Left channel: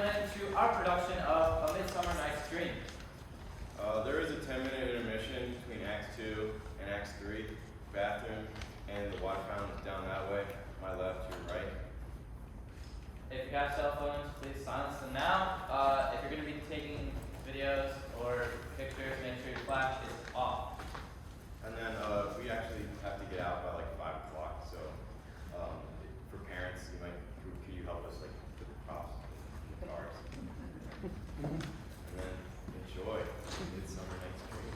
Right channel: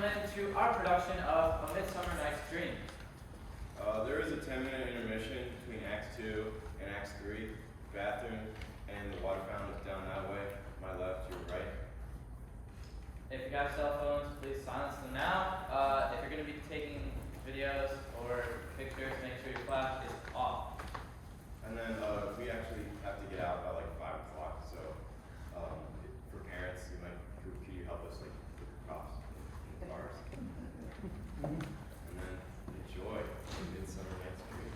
gentlemen, to our production of A Midsummer Night's Dream. There is a 10-minute intermission between Acts 2 and Acts 3. Bathroom and the water fountain is down that way. My left, your right. If you have cell phones, please silence them now. If you're going to be taking videos or pictures, make sure your flash is off. And then we actually have to get out by like 5 o'clock. So for parents, could you help us like with the props, the cars, and then enjoy Midsummer Night's Dream.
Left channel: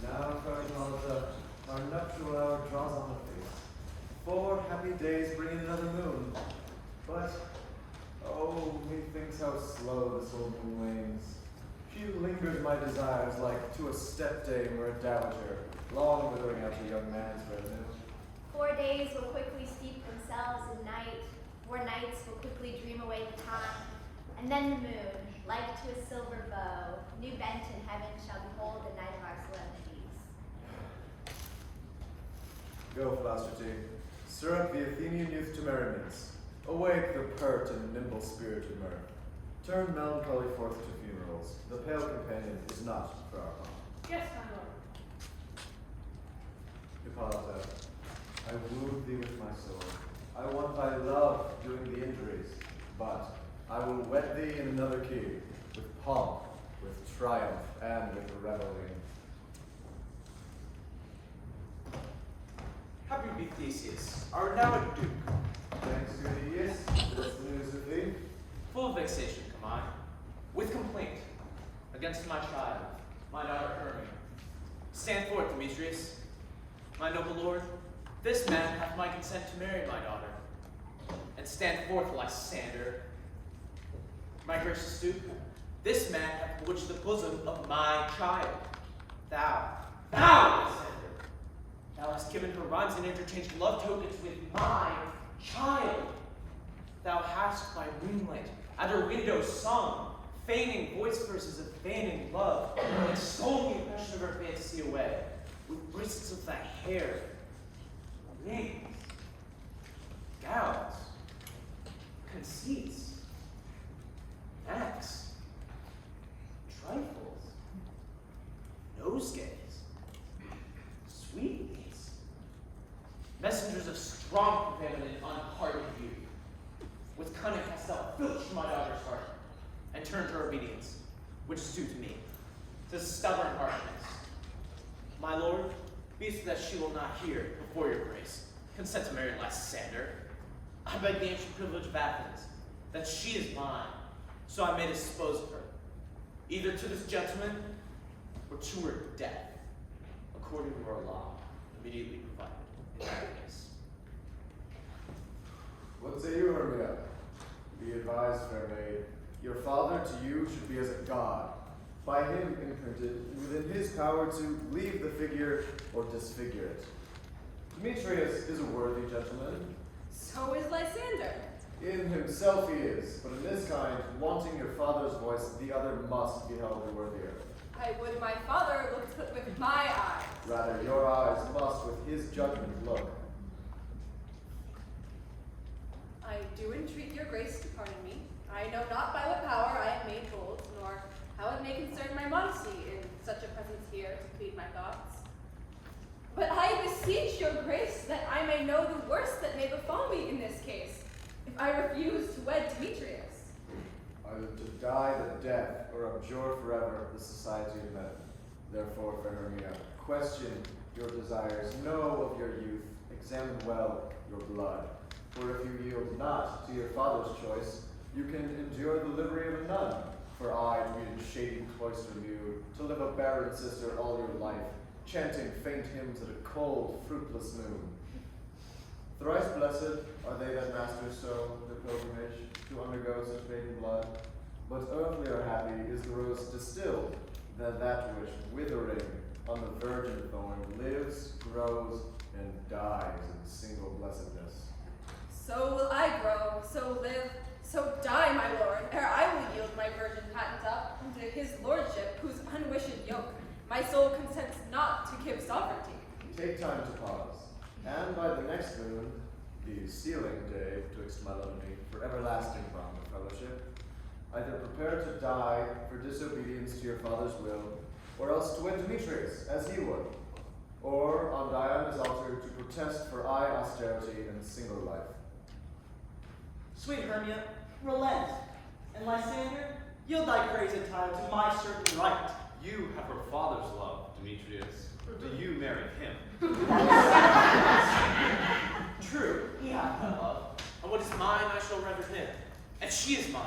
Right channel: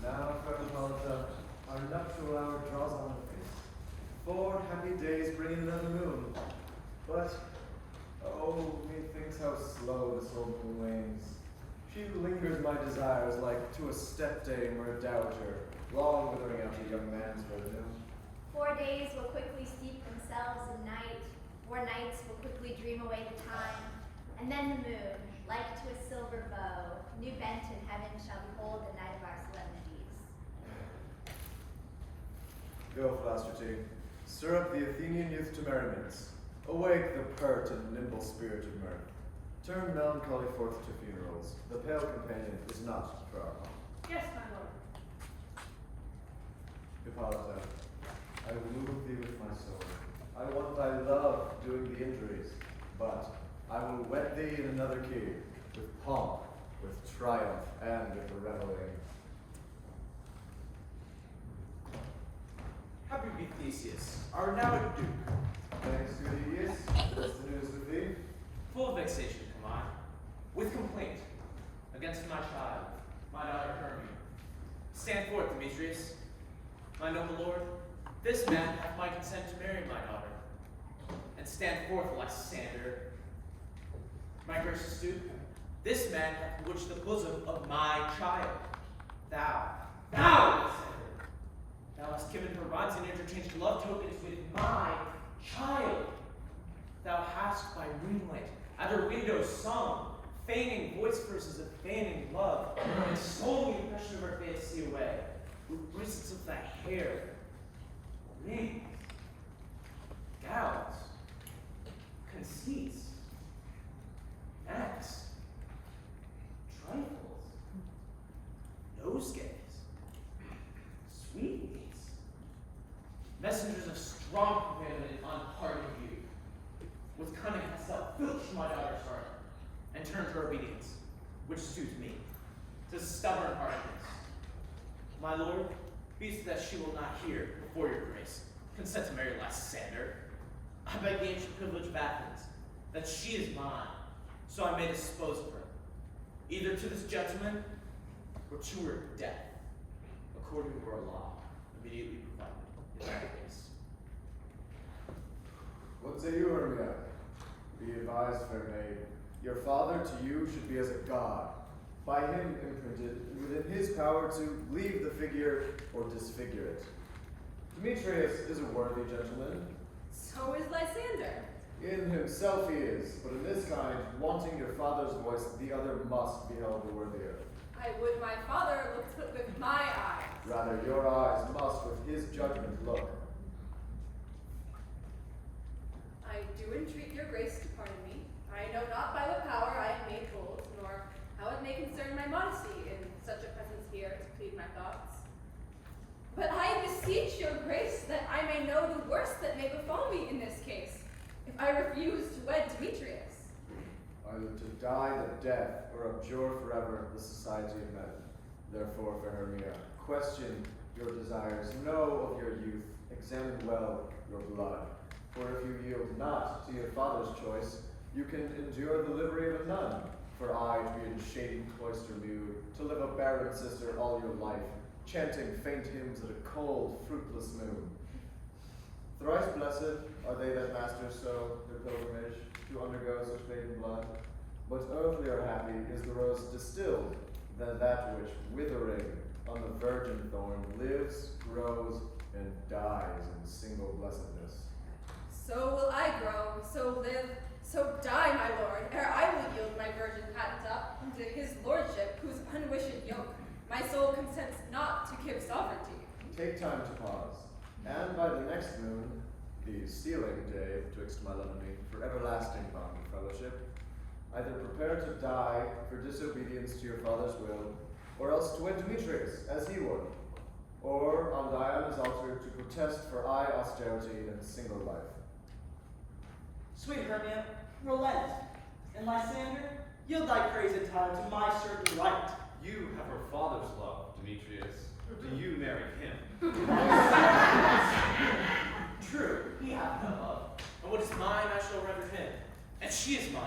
Now, fair Hippolyta, our nuptial hour draws on apace. 4 happy days bring in another moon. But, oh, methinks how slow this old moon wanes. She lingers my desires like to a stepdame or a dowager, long withering out a young man's revenue. 4 days will quickly steep themselves in night. 4 nights will quickly dream away the time. And then the moon, like to a silver bow, new bent in heaven, shall behold the night of our solemnities. Go, Philostrates, stir up the Athenian youth to merriments. Awake the pert and nimble spirit of mirth. Turn melancholy forth to funerals. The pale companion is not for our home. Yes, my lord. Hippolyta, I wooed thee with my sword. I want thy love doing the injuries, but I will wed thee in another key, with pomp, with triumph, and with reveling. Happy be Theseus, art now a duke. Thanks, good Aeneas. What's the news of thee? Full of vexation am I, with complaint against my child, my daughter Hermia. Stand forth, Demetrius, my noble lord. This man hath my consent to marry my daughter. And stand forth, Lysander, my gracious duke. This man hath bewitched the bosom of my child. Thou, Lysander, thou hast given her rhymes and interchanged love tokens with my child. Thou hast by moonlight at her window sung, feigning voice verses of feigning love, and stole the impression of her face see away, with bristles of thy hair, rings, gowns, conceits, necks, trifles, nosegays, sweetmeats, messengers of strong prevailed and unhardened youth. With cunning hast thou filched my daughter's heart, and turned her obedience, which suits me, to stubborn harshness. My lord, be it that she will not hear, before your grace, consent to marry Lysander. I beg the ancient privilege of Athens, that she is mine, so I may dispose of her, either to this gentleman, or to her death, according to our law, immediately provided in that case. What say you, Hermia? Be advised, fair maid. Your father to you should be as a god, by him imprinted, within his power to leave the figure or disfigure it. Demetrius is a worthy gentleman. So is Lysander. In himself he is, but in this kind, wanting your father's voice, the other must be held the worthier. I would my father looked with my eyes. Rather, your eyes must with his judgment look. I do entreat your grace to pardon me. I know not by what power I am made bold, nor how it may concern my modesty in such a presence here to plead my thoughts. But I beseech your grace that I may know the worst that may befall me in this case, if I refuse to wed Demetrius. Either to die the death or abjure forever the society of men. Therefore, fair Hermia, question your desires, know of your youth, examine well your blood. For if you yield not to your father's choice, you can endure the livery of a nun. For I, to be in shady cloister new, to live a barren sister all your life, chanting faint hymns at a cold, fruitless moon. Thrice blessed are they that master so their pilgrimage, to undergo such maiden blood. But earthlier happy is the rose distilled, than that which, withering on the virgin thorn, lives, grows, and dies in single blessedness. So will I grow, so live, so die, my lord, ere I will yield my virgin patent up unto his lordship, whose unwished yoke my soul consents not to give sovereignty. Take time to pause, and by the next moon, the sealing day betwixt my love and me, for everlasting bond of fellowship, either prepare to die for disobedience to your father's will, or else to wed Demetrius, as he would, or on Diana's altar to protest for austerity and single life. Sweet Hermia, relent, and Lysander, yield thy praised title to my certain right. You have her father's love, Demetrius. Do you marry him? True, he hath my love, and what is mine I shall represent, and she is mine,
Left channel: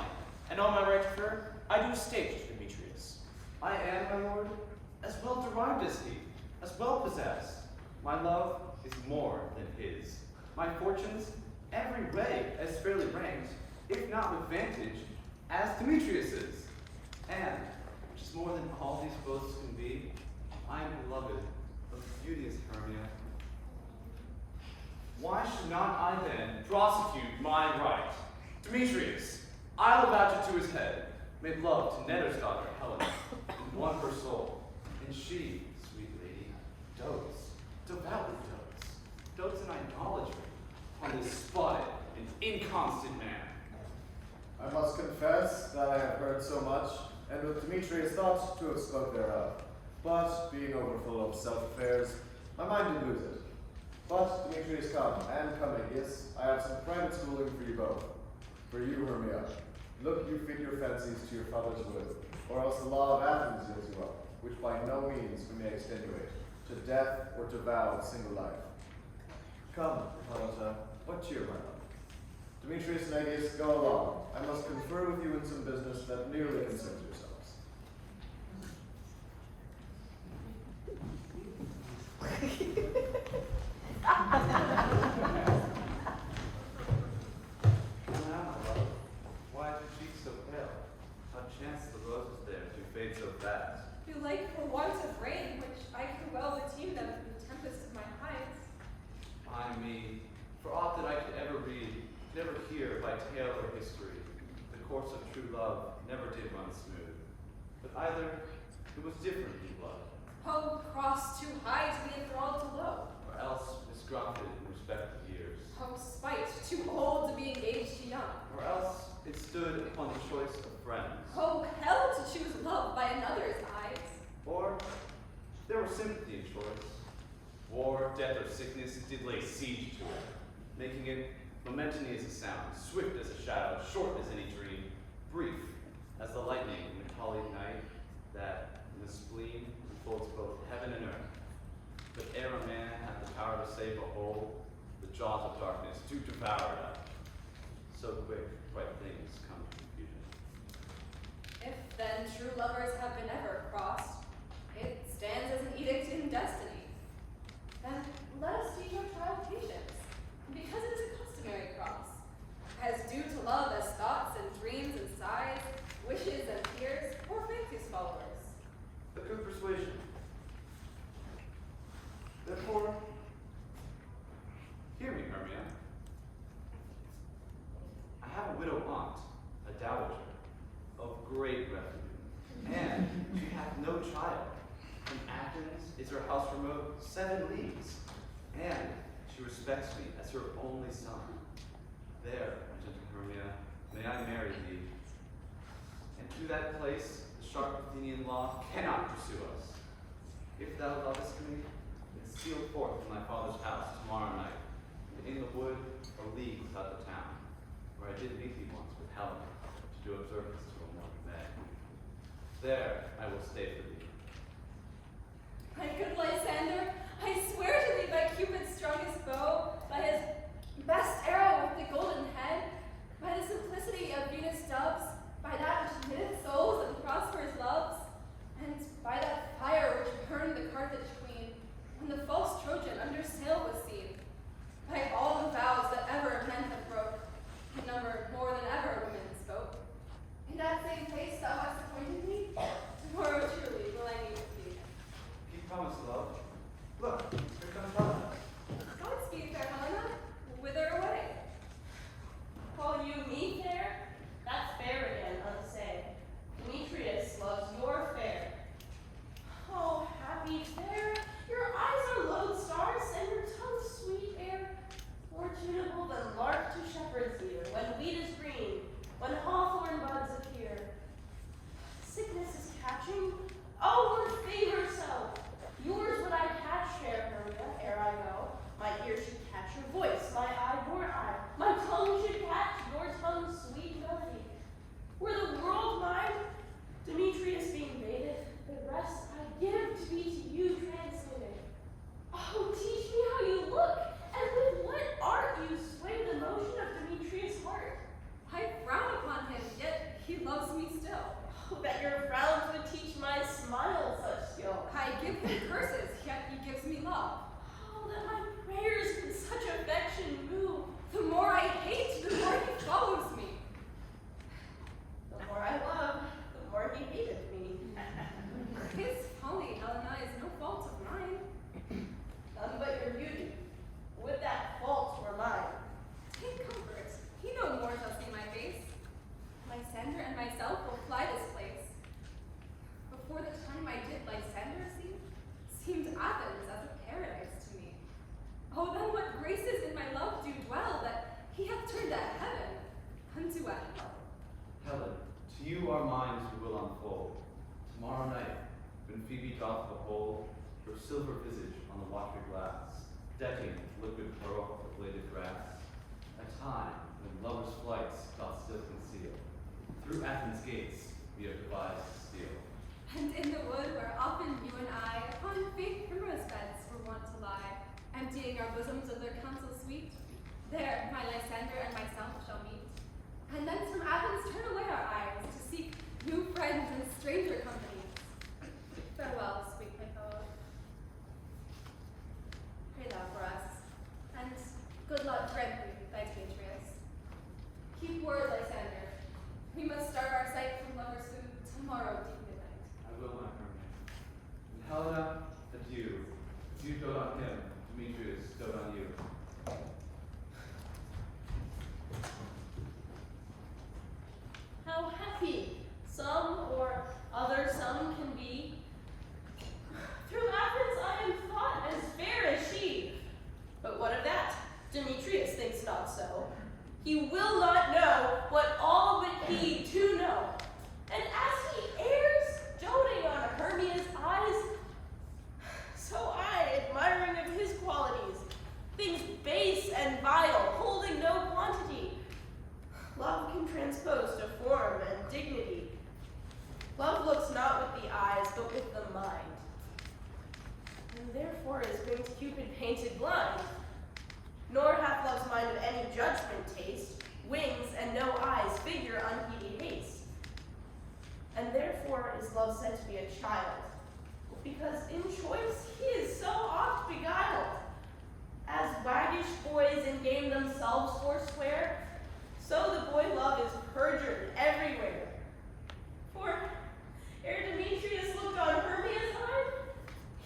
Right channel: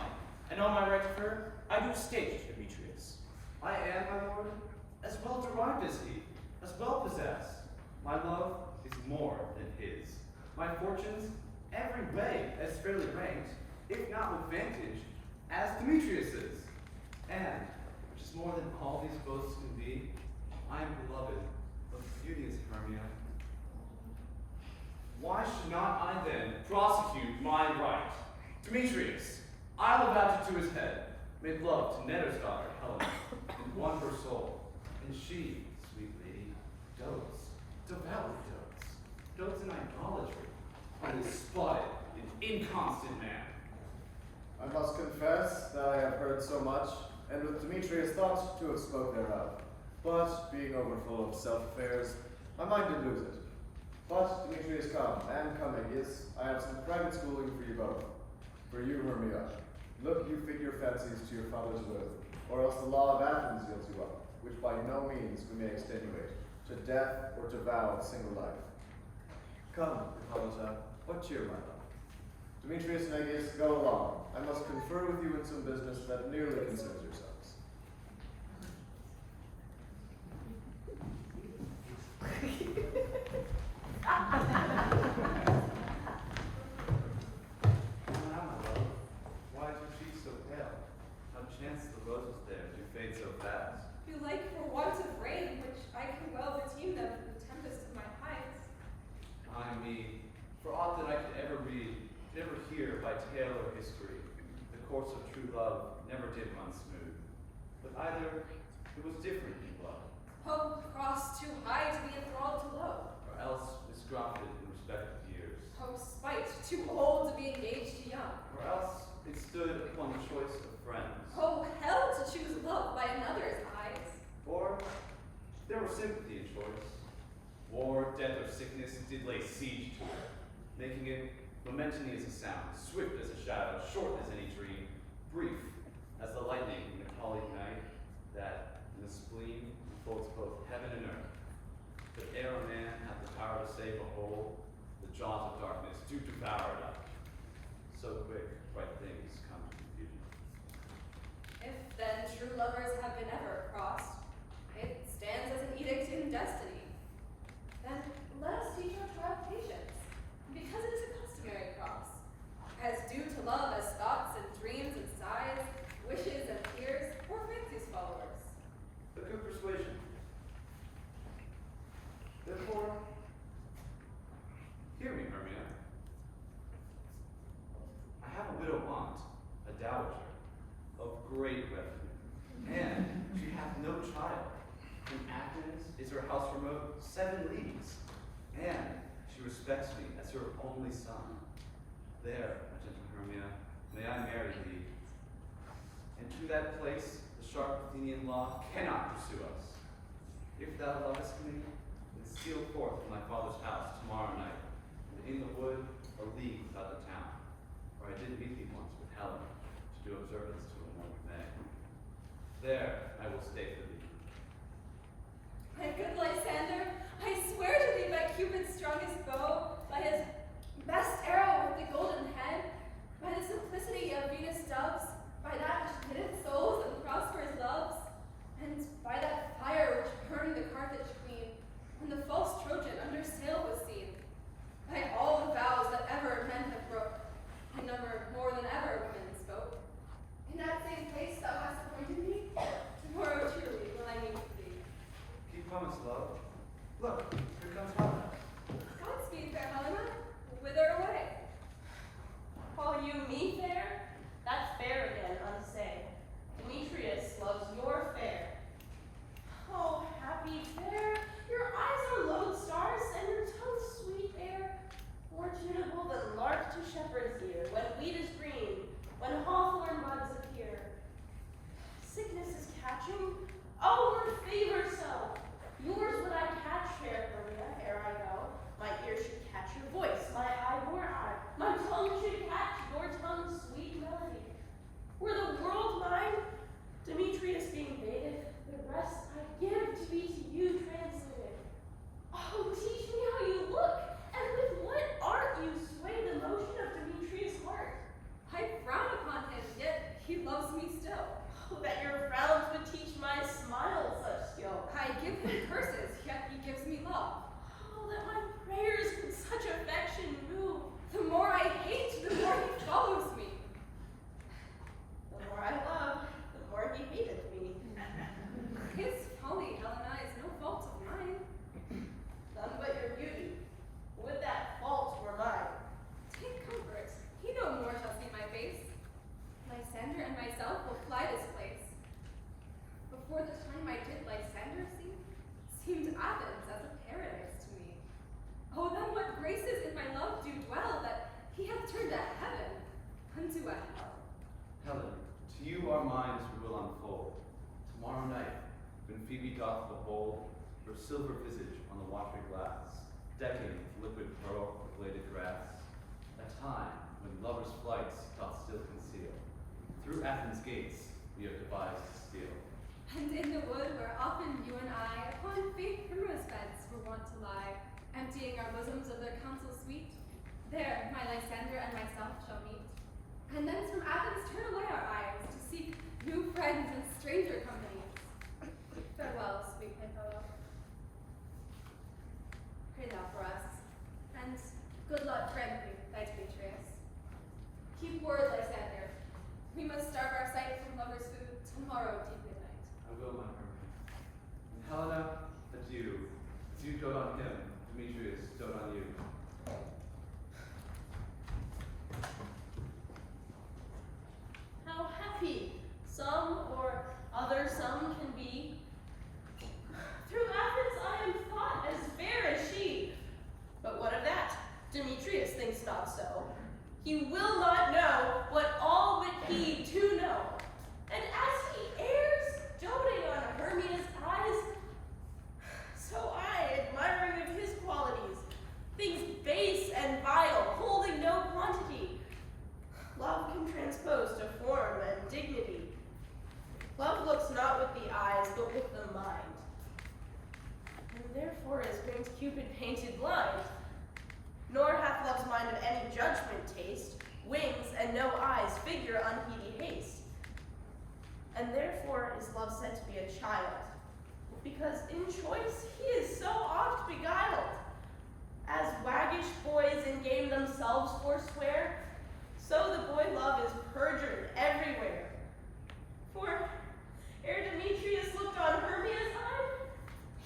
and on my right of her I do state Demetrius. I am, my lord, as well derived as he, as well possessed. My love is more than his. My fortunes, every way as fairly ranked, if not with vantage, as Demetrius's. And, which is more than all these boasts can be, I am beloved of beauteous Hermia. Why should not I then prosecute my right? Demetrius, I will vouch it to his head, make love to Netter's daughter, Helen, and won her soul. And she, sweet lady, dotes, devoutly dotes in idolatry on this spotted and inconstant man. I must confess that I have heard so much, and with Demetrius thought to have spoke thereof. But, being overfull of self-affairs, my mind did lose it. But, Demetrius, come, and come, Aegeus, I have some private schooling for you both. For you, Hermia, look you fit your fancies to your father's will, or else the law of Athens yields you up, which by no means we may extenuate, to death or to vow of single life. Come, Hippolyta, what cheer, my love? Demetrius and Aegeus, go along. I must confer with you in some business that nearly concerns yourselves. Why do you cheek so pale? How chance the roses there to fade so fast? Belike for want of rain, which I could well redeem them from the tempest of my hides. Ay me, for aught that I could ever read, could ever hear by tale or history, the course of true love never did run smooth. But either it was different in blood, Oh, cross too high to be enthralled to low. or else misgrafted in respective years, Oh, spite too old to be engaged to young. or else it stood upon the choice of friends, Oh, hell to choose love by another's eyes. or there was sympathy in choice. War, death, or sickness, it did lay siege to it, making it momentary as a sound, swift as a shadow, short as any dream, brief as the lightning in the colleague night, that in the spleen enfolds both heaven and earth. But ere a man hath the power to save a whole, the jaws of darkness do devour it up. So quick, bright things come to confusion. If then true lovers have been ever crossed, it stands as an edict in destiny. Then let us teach our child patience, because it is a customary cross, as due to love as thoughts and dreams and sighs, wishes and fears, or fancies followers. A good persuasion. Therefore, hear me, Hermia. I have a widow aunt, a dowager, of great revenue, and she hath no child. From Athens is her house remote 7 leagues, and she respects me as her only son. There, my gentle Hermia, may I marry thee. And to that place the sharp Athenian law cannot pursue us. If thou lovest me, then steal forth from thy father's house tomorrow night, and in the wood a league without the town, where I did meet thee once with Helen, to do observance to a morning May. There I will stay for thee. My good Lysander, I swear to thee by Cupid's strongest bow, by his best arrow with the golden head, by the simplicity of Venus' doves, by that which knitteth souls and prospers loves, and by that fire which burned the Carthage queen, when the false Trojan under sail was seen, by all the vows that ever men have broke, in number more than ever women spoke. In that same place thou hast appointed me, tomorrow truly watching? Oh, her favor so. Yours would I catch, fair Maria, ere I go. My ear should catch your voice, my eye your eye. My tongue should catch your tongue's sweet melody. Were the world mine, Demetrius being baited, the rest I give to be to you translated. Oh, teach me how you look, and with what art you sway the motion of Demetrius' heart. I frown upon him, yet he loves me still. Oh, that your frowns would teach my smile such skill. I give him curses, yet he gives me love. Oh, that my prayers could such affection move. The more I hate, the more he follows me. The more I loved, the more he hated me. His folly, Helena, is no fault of mine. None but your beauty. Would that fault were mine. Take comfort. He no more shall see my face. Lysander and myself will fly this place. Before the time I did Lysander see, seemed Athens as a paradise to me. Oh, then what graces in my love do dwell, that he hath turned that heaven unto a hell. Helen, to you our minds will unfold. Tomorrow night, when Phoebe doth behold her silver visage on the watery glass, decking liquid pearl the bladed grass, a time when lovers' flights doth still conceal. Through Athens' gates we have devised to steal. And in the wood where often you and I upon faint primrose beds were wont to lie, emptying our bosoms of their counsel sweet, there my Lysander and myself shall meet. And thence from Athens turn away our eyes to seek new friends and stranger company. Farewell, sweet Python. Pray thou for us, and good luck grant we, thy Demetrius. Keep word, Lysander. We must starve our sight from lovers' food tomorrow deep midnight. I will, my Hermia. And Helena, adieu. As you dote on him, Demetrius dote on you. How happy some or other some can be. Through Athens I am thought as fair as she. But what of that? Demetrius thinks not so. He will not know what all but he do know. And as he errs, doting on Hermia's eyes, so I, admiring of his qualities, things base and vile, holding no quantity. Love can transpose to form and dignity. Love looks not with the eyes, but with the mind. And therefore is winged Cupid painted blind. Nor hath love's mind of any judgment taste, wings and no eyes, figure unheedy haste. And therefore is love said to be a child, because in choice he is so oft beguiled. As waggish boys in game themselves forswear, so the boy love is perjured everywhere. For ere Demetrius looked on Hermia's eye,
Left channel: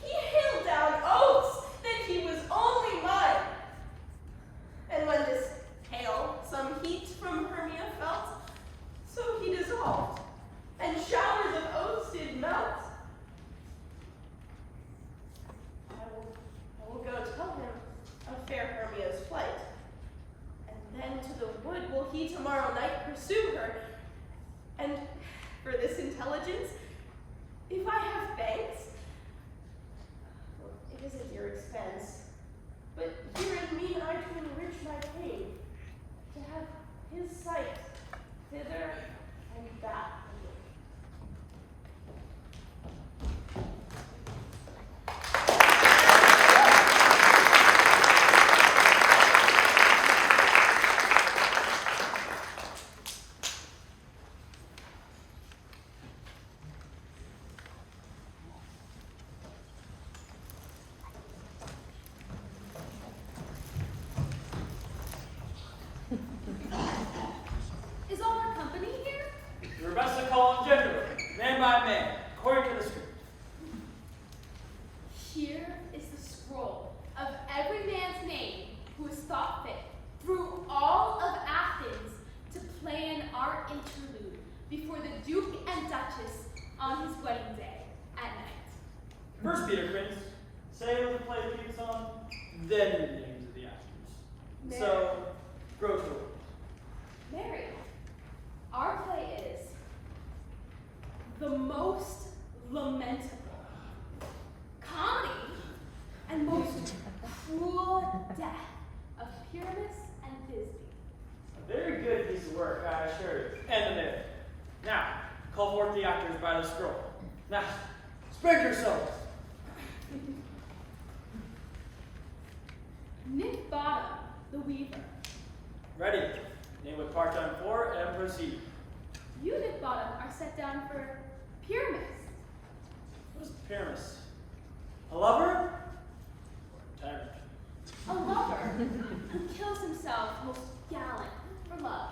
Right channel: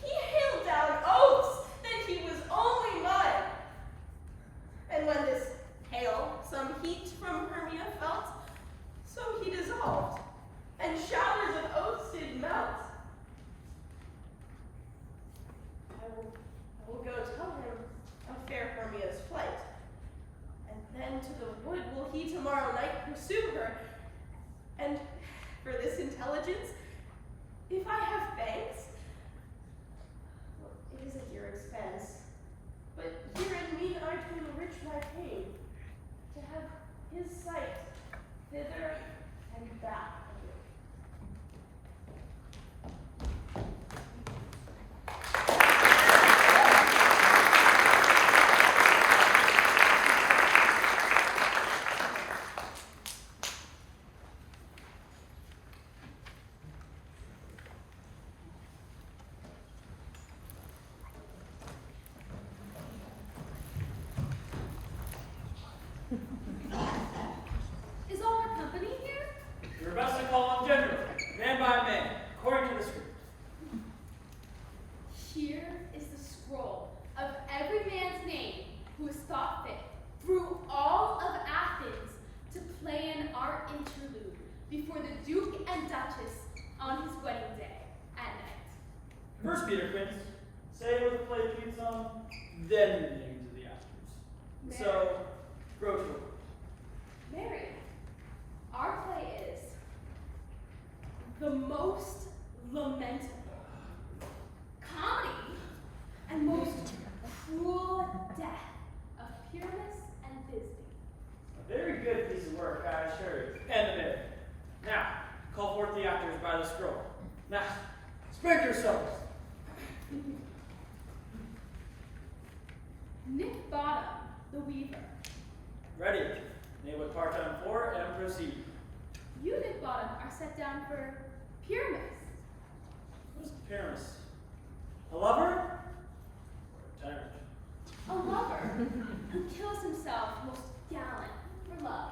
he hailed down oaths that he was only mine. And when this hail some heat from Hermia felt, so he dissolved, and showers of oaths did melt. I will go tell him of fair Hermia's flight, and then to the wood will he tomorrow night pursue her. And for this intelligence, if I have thanks, it is at your expense. But here in mean I to enrich my pain, to have his sight thither and back. Is all our company here? Your best to call on gender, man by man, according to the script. Here is the scroll of every man's name who has thought fit through all of Athens to play an art interlude before the Duke and Duchess on his wedding day at night. First, Peter Prince, say what the play reads on, then the names of the actors. So, grow to it. Mary, our play is The Most lamentable, comedy, and most cruel death of Pyramus and Thisbe. A very good piece of work, I assure you. And the myth. Now, call forth the actors by the scroll. Now, spread yourselves. Nick Bottom, the weaver. Ready. Name what part I'm for and proceed. You, Nick Bottom, are set down for Pyramus. What is Pyramus? A lover? Or a tyrant? A lover who kills himself most gallant for love.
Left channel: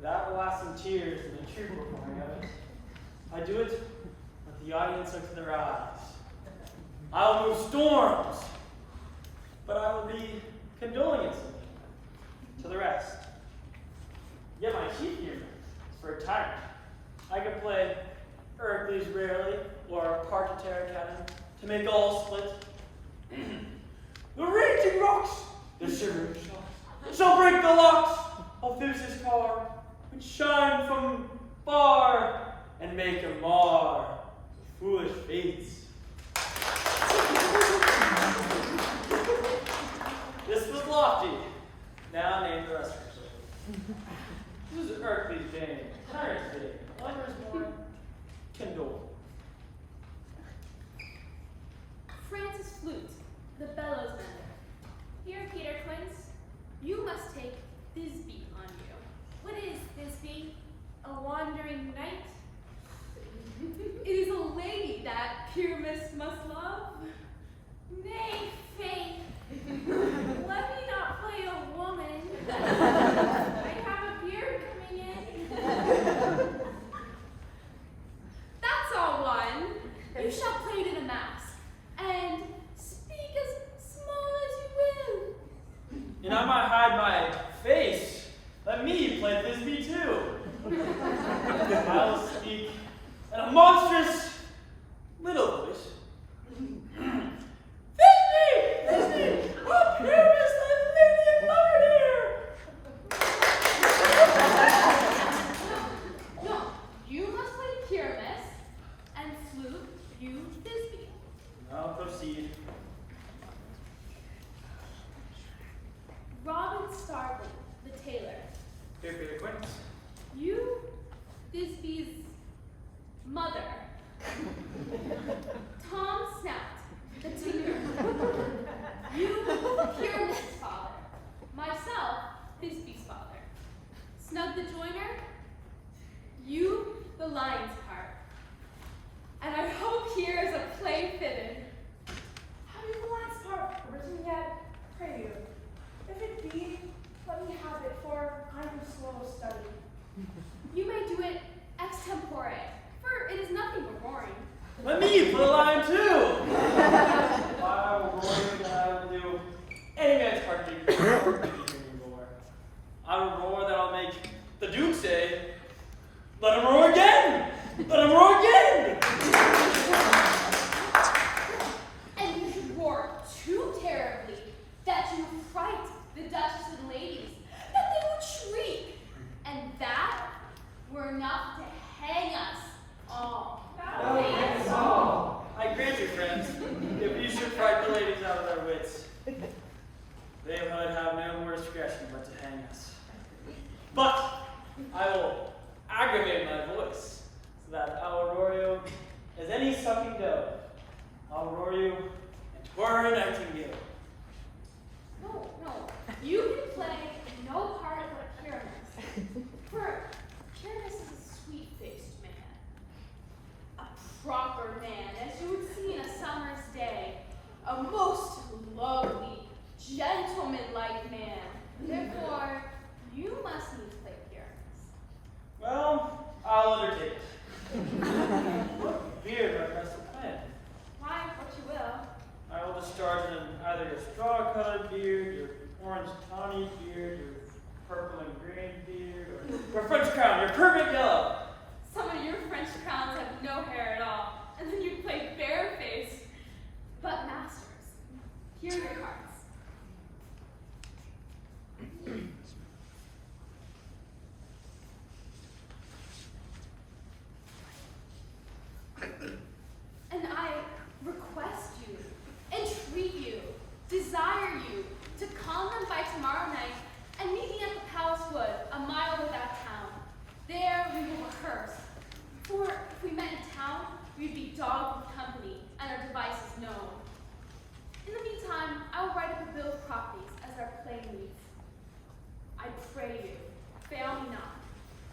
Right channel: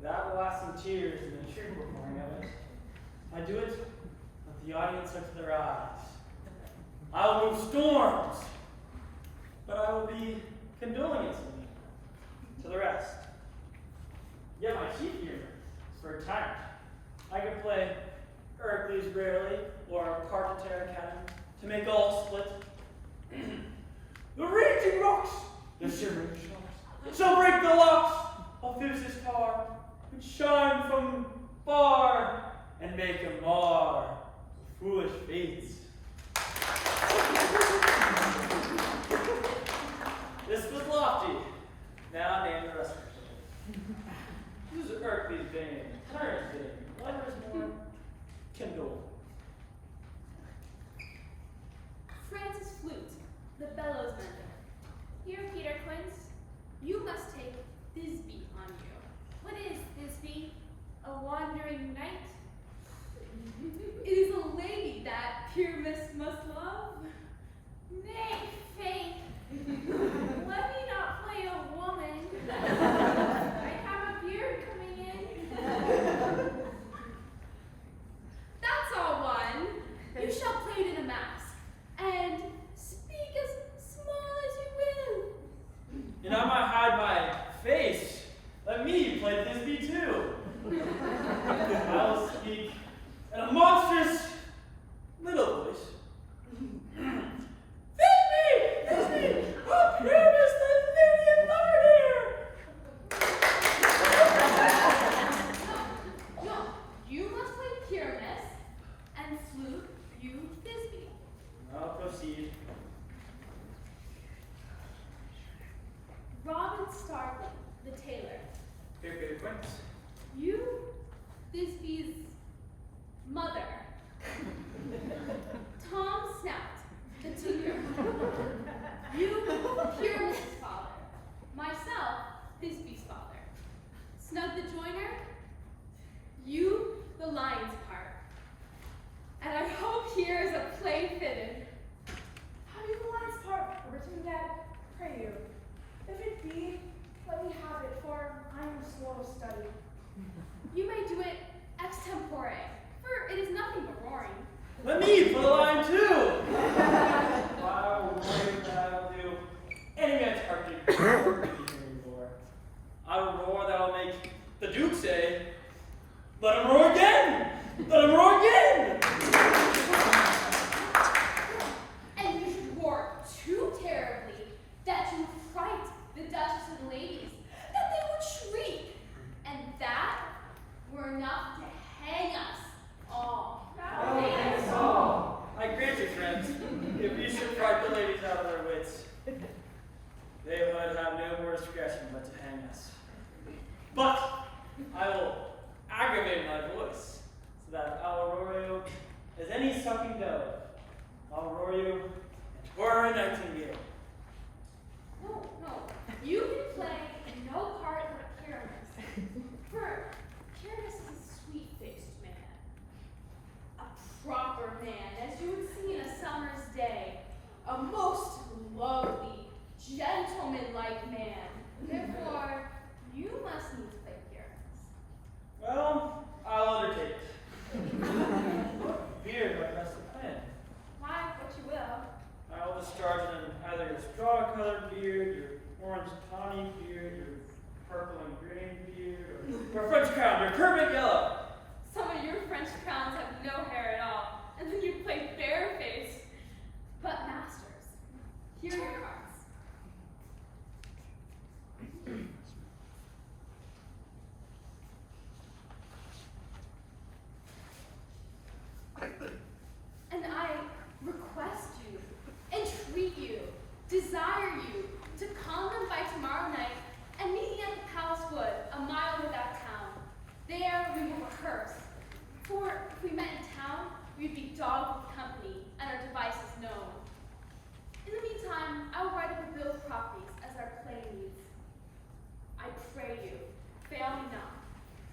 That will last some tears and a true performing of it. I do it with the audience up to their eyes. I will move storms, but I will be condoling to the rest. Yet my chief humor is for a tyrant. I could play Hercules rarely, or Carter Academy, to make all split. The raging rocks, the shivering shocks, shall break the locks of Zeus's power, and shine from far, and make a mar of foolish fates. This was lofty. Now name the rest of it. This is Hercules' bane, tyrant's bane, lover's more kindled. Francis Flute, the bellows mender. Here, Peter Quince, you must take Thisbe on you. What is Thisbe? A wandering knight? It is a lady that Pyramus must love. Nay, faith. Let me not play a woman. I have a beard coming in. That's all one. You shall play to the mass, and speak as small as you will. And I might hide my face. Let me play Thisbe too. I will speak in a monstrous little voice. Thisbe! Thisbe! Oh, Pyramus, the lady and lover here! No, you must play Pyramus, and Flute, you Thisbe. I'll proceed. Robin Starveling, the tailor. Here, Peter Quince. You, Thisbe's mother. Tom Snout, the tinker. You, Pyramus' father. Myself, Thisbe's father. Snug the joiner. You, the lion's part. And I hope here is a play fitted. Have you the last part written yet? Pray you. If it be, let me have it, for I am slow of study. You may do it extempore, for it is nothing but roaring. Let me put a line too! I will roar and I will do any man's heartbeat. I will roar that will make the Duke say, let him roar again! Let him roar again! And you should roar too terribly that you fright the Duchess and ladies, that they would shriek, and that were enough to hang us all. I grant you, friends, if you should fright the ladies out of their wits, they would have no more discretion but to hang us. But I will aggravate my voice so that I will roar you as any sucking dove. I'll roar you and twirl a nightingale. No, you can play no part but Pyramus. For Pyramus is a sweet-faced man, a proper man, as you would see in a summer's day, a most lovely, gentleman-like man. Therefore, you must needs play Pyramus. Well, I'll undertake it. What beard are best to plan? Why, what you will. I will discharge in either your straw-colored beard, your orange tawny beard, your purple and green beard, or your French crown, your perfect yellow. Some of your French crowns have no hair at all, and then you play barefaced. But masters, here are your cards.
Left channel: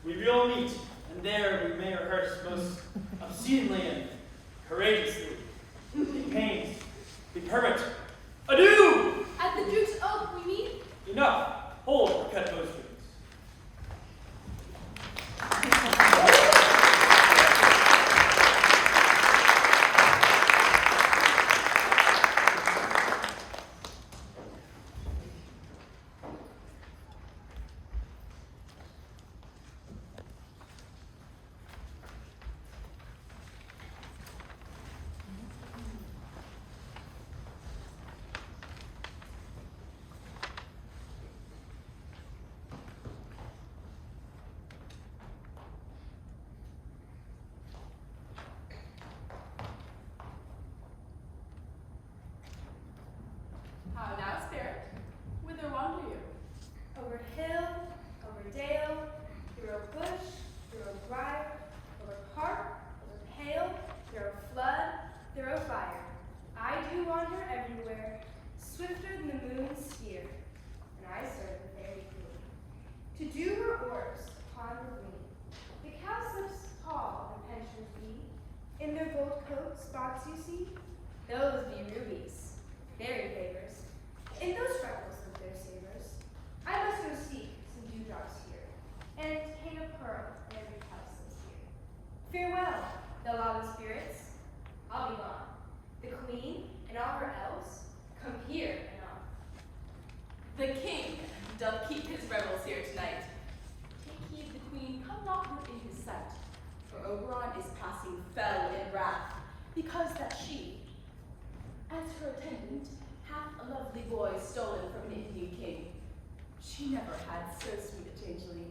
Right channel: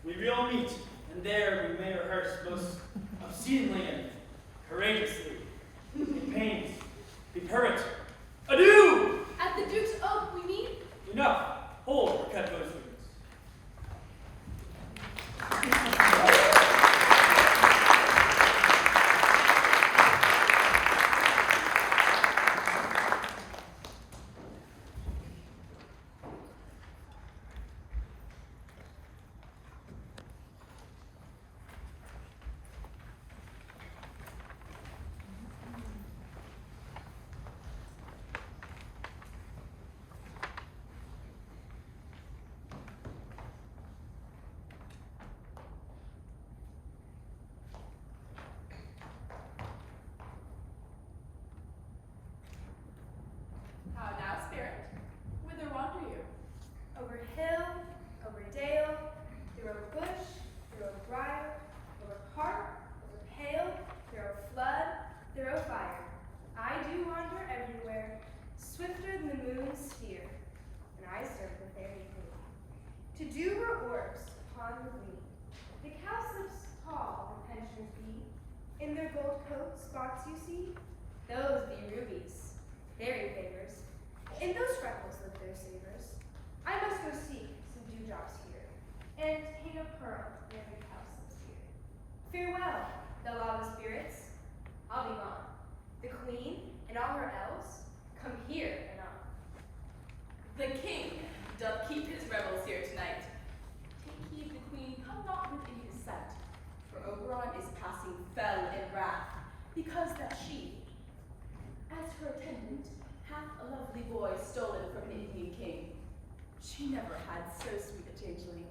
we will meet, and there we may rehearse most obscenely and courageously. Be pained, be permit. Adieu! At the Duke's Oak we meet. Enough. Hold the cut those strings. How now, spirit? Whither wander you? Over hill, over dale, through a bush, through a briar, over park, over pale, through a flood, through a fire. I do wander everywhere, swifter than the moon's sphere, and I serve the fairy queen. To do her orbs upon the green, the cowslips tall the pensioners be, in their gold coat spots you see, those be rubies, fairy favors. In those freckles live their savors. I must go seek some dewdrops here, and hang a pearl in every cowslip's ear. Farewell, thou lawless spirits, I'll be gone. The queen and all her elves come here anon. The king doth keep his revels here tonight. Take heed the queen come not within his sight, for Oberon is passing fell in wrath, because that she, as her attendant, hath a lovely boy stolen from an Indian king. She never had so sweet a changeling,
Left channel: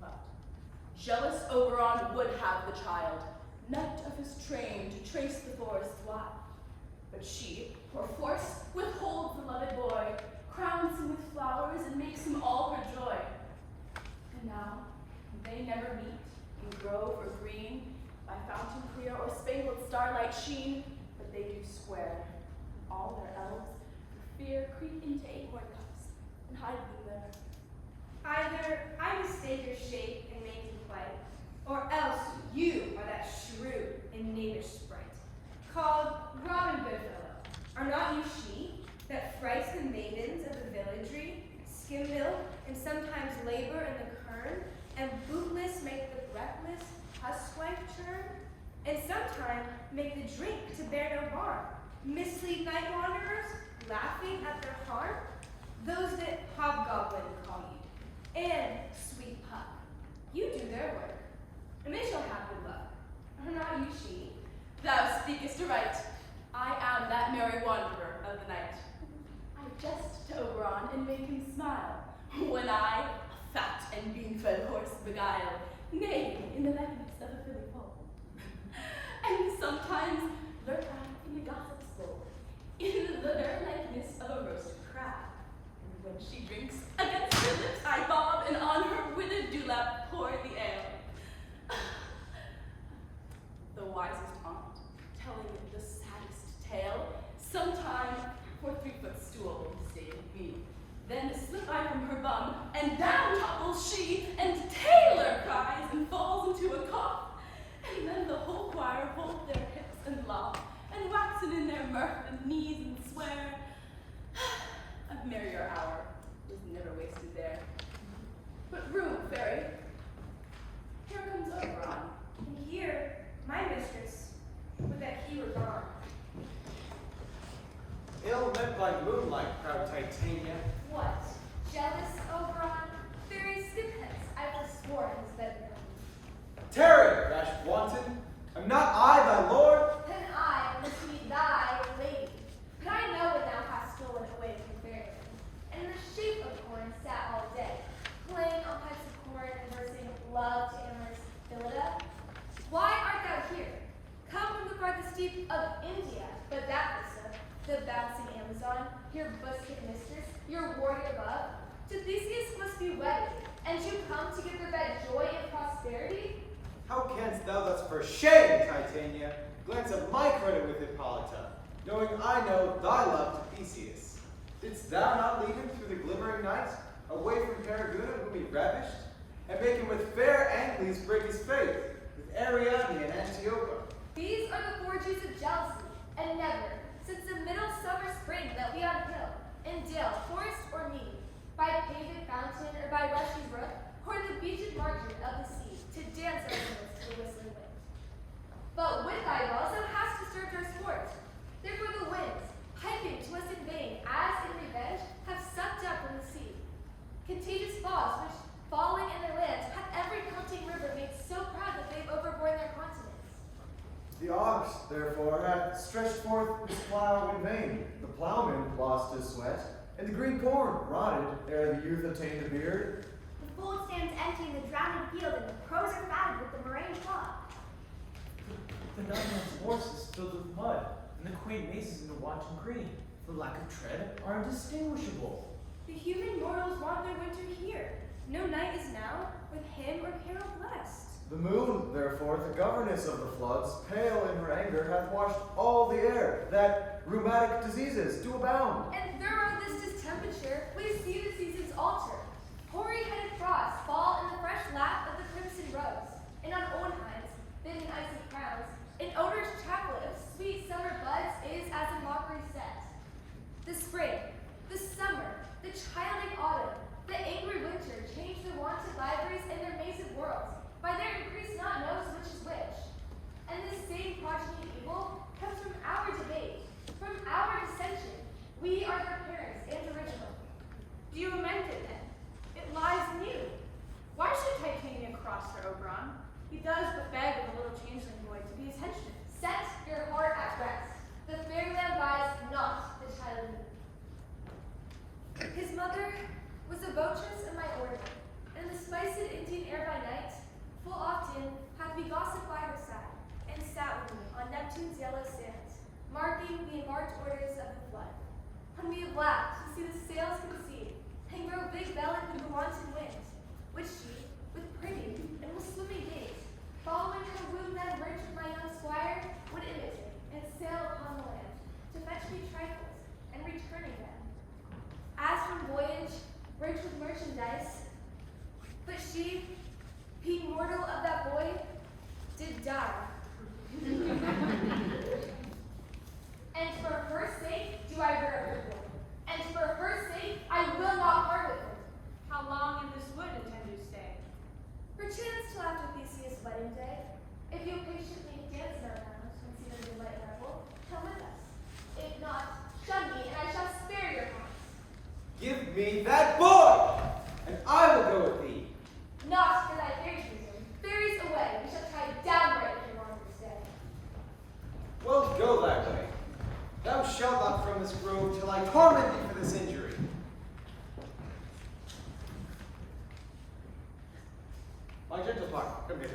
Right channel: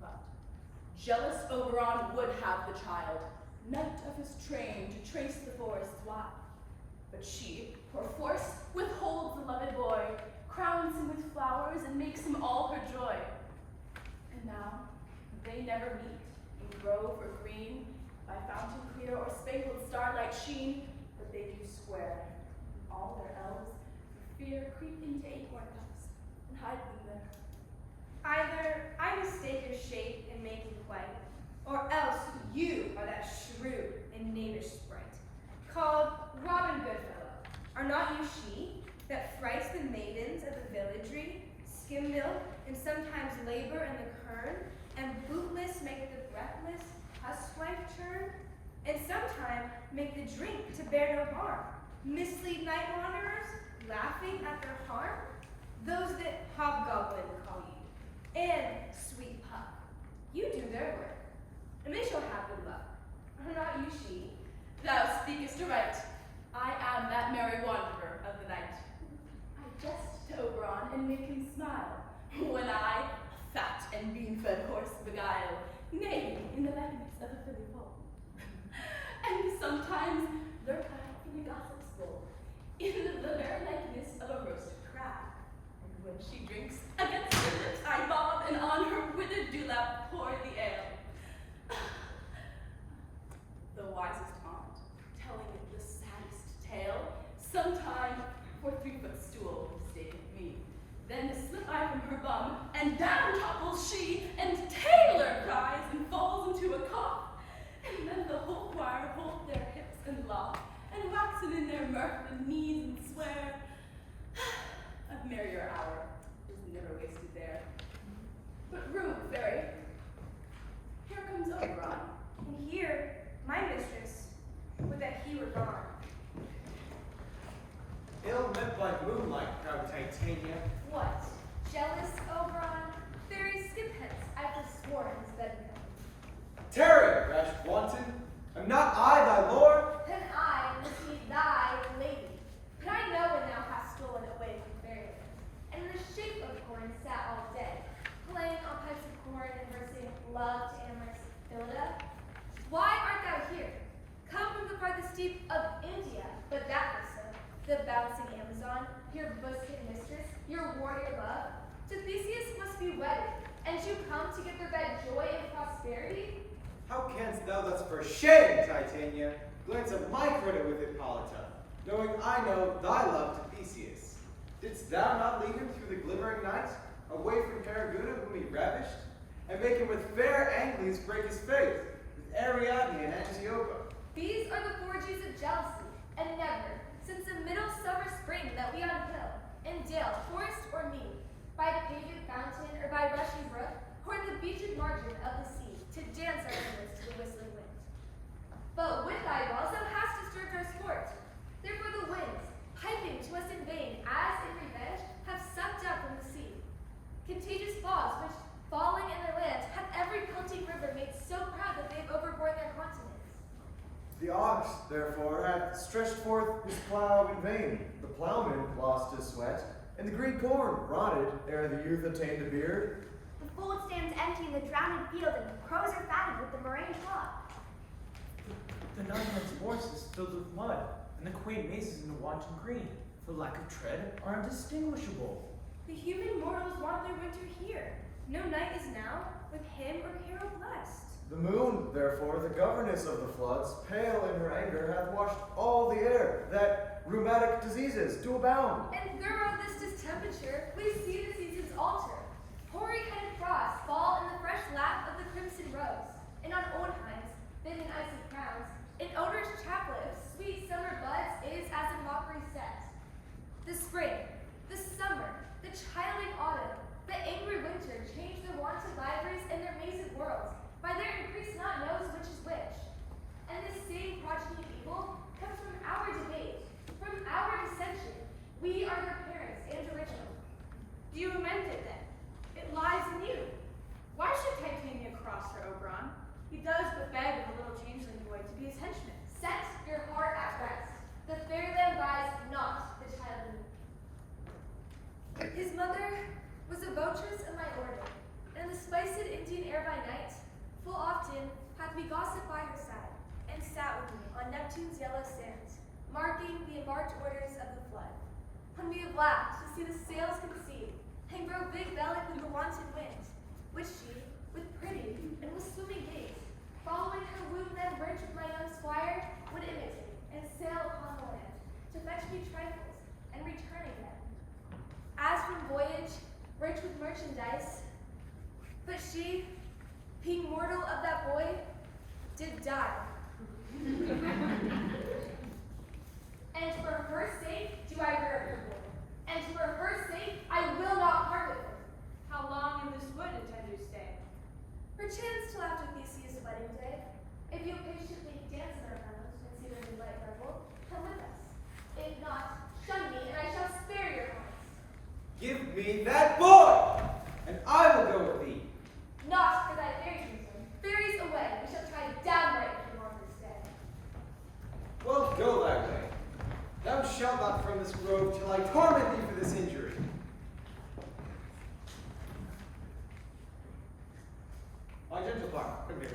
but jealous Oberon would have the child, knight of his train to trace the forest wide. But she, perforce, withholds the loved boy, crowns him with flowers, and makes him all her joy. And now, they never meet, in grove or green, by fountain clear or spangled starlight sheen, but they do square, and all their elves, for fear, creep into acorn cups, and hide them there. Either I mistake your shape and make you quite, or else you are that shrewd and knavish sprite, called Robin Goodfellow. Are not you she, that frights the maidens of the villagery, skim milk, and sometimes labor in the kern, and bootless make the breathless huswife turn, and sometime make the drink to bear no harm, mislead night wanderers, laughing at their harm? Those that hobgoblin call you, and sweet puck, you do their work, and they shall have good luck. Are not you she? Thou speakest aright. I am that merry wanderer of the night. I jest to Oberon and make him smile, when I, a fat and bean-fed horse, beguile, nay, in the likeness of a filly foal. And sometimes lurk I in a gossip's bowl, in the very likeness of a roasted crab. And when she drinks, against her lips I bob, and on her withered dewlap pour the ale. The wisest aunt, telling the saddest tale, sometime for 3-foot stool mistaken me. Then slip I from her bum, and down topples she, and Taylor cries and falls into a cough. And then the whole choir hold their hips and laugh, and waxen in their mirth and knees and swear. A merrier hour is never wasted there. But room, fairy, here comes Oberon. And here, my mistress, would that he were gone. Ill lit by moonlight, proud Titania. What? Jealous, Oberon? Fairy, skip hence. I forswore his bed company. Tarry, rash wanton. Am not I thy lord? Then I must be thy lady. But I know when thou hast stolen away from fairyland, and in the shape of corn sat all day, playing on pipes of corn and versing love to amorous Phillida. Why art thou here? Come from the farthest deep of India, but that was so. The bouncing Amazon, your busted mistress, your warrior love, to Theseus must be wedded, and you come to give their bed joy and prosperity? How canst thou thus for shame, Titania, glance at my credit with Hippolyta, knowing I know thy love to Theseus? Didst thou not lead him through the glimmering night, away from Periguna whom he ravished? and make him with fair Angles break his faith, with Ariadne and Antiopa. These are the forges of jealousy, and never, since the middle summer spring that we on hill, in dale, forest, or mead, by paved fountain or by rushing brook, or in the beached margin of the sea, to dance our rivers to the whistling wind. But with thy walls thou hast disturbed our sport. Therefore the winds, piping to us in vain, as in revenge, have sucked up from the sea. Contagious fogs, which, falling in their land, have every pelting river made so proud that they have overborne their continents. The ox, therefore, hath stretched forth his plough in vain. The ploughman lost his sweat, and the green corn rotted ere the youth attained a beard. The fold stands empty in the drowned field, and the crows are fatted with the murrain hog. The nine-man's horse is filled with mud, and the quaint mazes in the wanton green, for lack of tread, are indistinguishable. The human mortals want their winter here. No night is now, with hymn or carol blessed. The moon, therefore, the governess of the floods, pale in her anger, hath washed all the air, that rheumatic diseases do abound. And throughout this distemperature, we see the seasons alter. Hoary-headed frosts fall in the fresh lap of the crimson rose, and on Owenheim's, thin and icy crowns, an odorous chaplet of sweet summer buds is as a mockery set. The spring, the summer, the childing autumn, the angry winter change their wonted libraries and their maze of worlds, by their increase not knows which is which. And this same progeny of evil comes from our debate, from our dissension. We are their parents and original. Do you amend it then? It lies in you. Why should Titania cross Sir Oberon? He does but beg of a little changeling boy to be his henchman. Set your heart at rest. The fair land buys not the child of me. His mother was a votress of my order, and in the spiced Indian air by night, full often hath we gossiped by her side, and sat with me on Neptune's yellow sands, marking the embarked orders of the flood. When we have laughed to see the sails concede, and grow big-bellied with the wanton wind, which she, with pretty and with swimming gait, following her womb then rich with my young squire, would imitate, and sail upon the land, to fetch me trifles, and return again. As from voyage, rich with merchandise, but she, being mortal of that boy, did die. And for her sake do I rear up the boy, and for her sake I will not part with her. How long in this wood intend you stay? Perchance till after Theseus' wedding day. If you'll patiently dance in our rounds and see the moonlight revel, come with us. If not, shun me, and I shall spare your haunts. Give me that boy, and I will go with thee. Not for thy fairies' reason. Fairies away, we shall try downright if you want to stay. Well, go thy way. Thou shalt not from this grove till I torment thee for this injury. My gentle partner, come hither.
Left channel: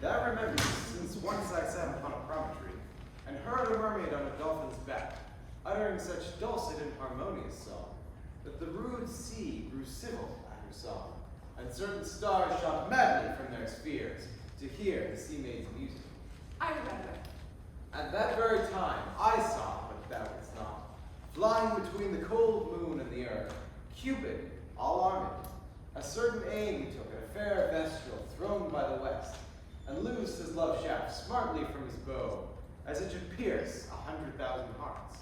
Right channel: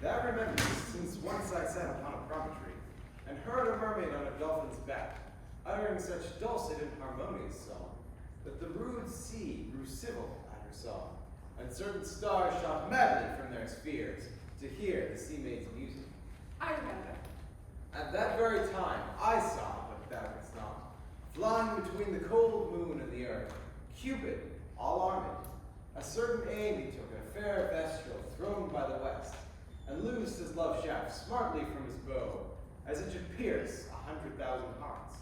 That remembers, since once I sat upon a promontory, and heard a mermaid on a dolphin's back, uttering such dulcet and harmonious song, that the rude sea grew civil at her song, and certain stars shot madly from their spheres to hear the sea maid's music. I remember. At that very time I saw what thou didst not, flying between the cold moon and the earth, Cupid, all armed, a certain aim he took at a fair vestal thrown by the west, and loosed his love shaft smartly from his bow, as it should pierce 100,000 hearts.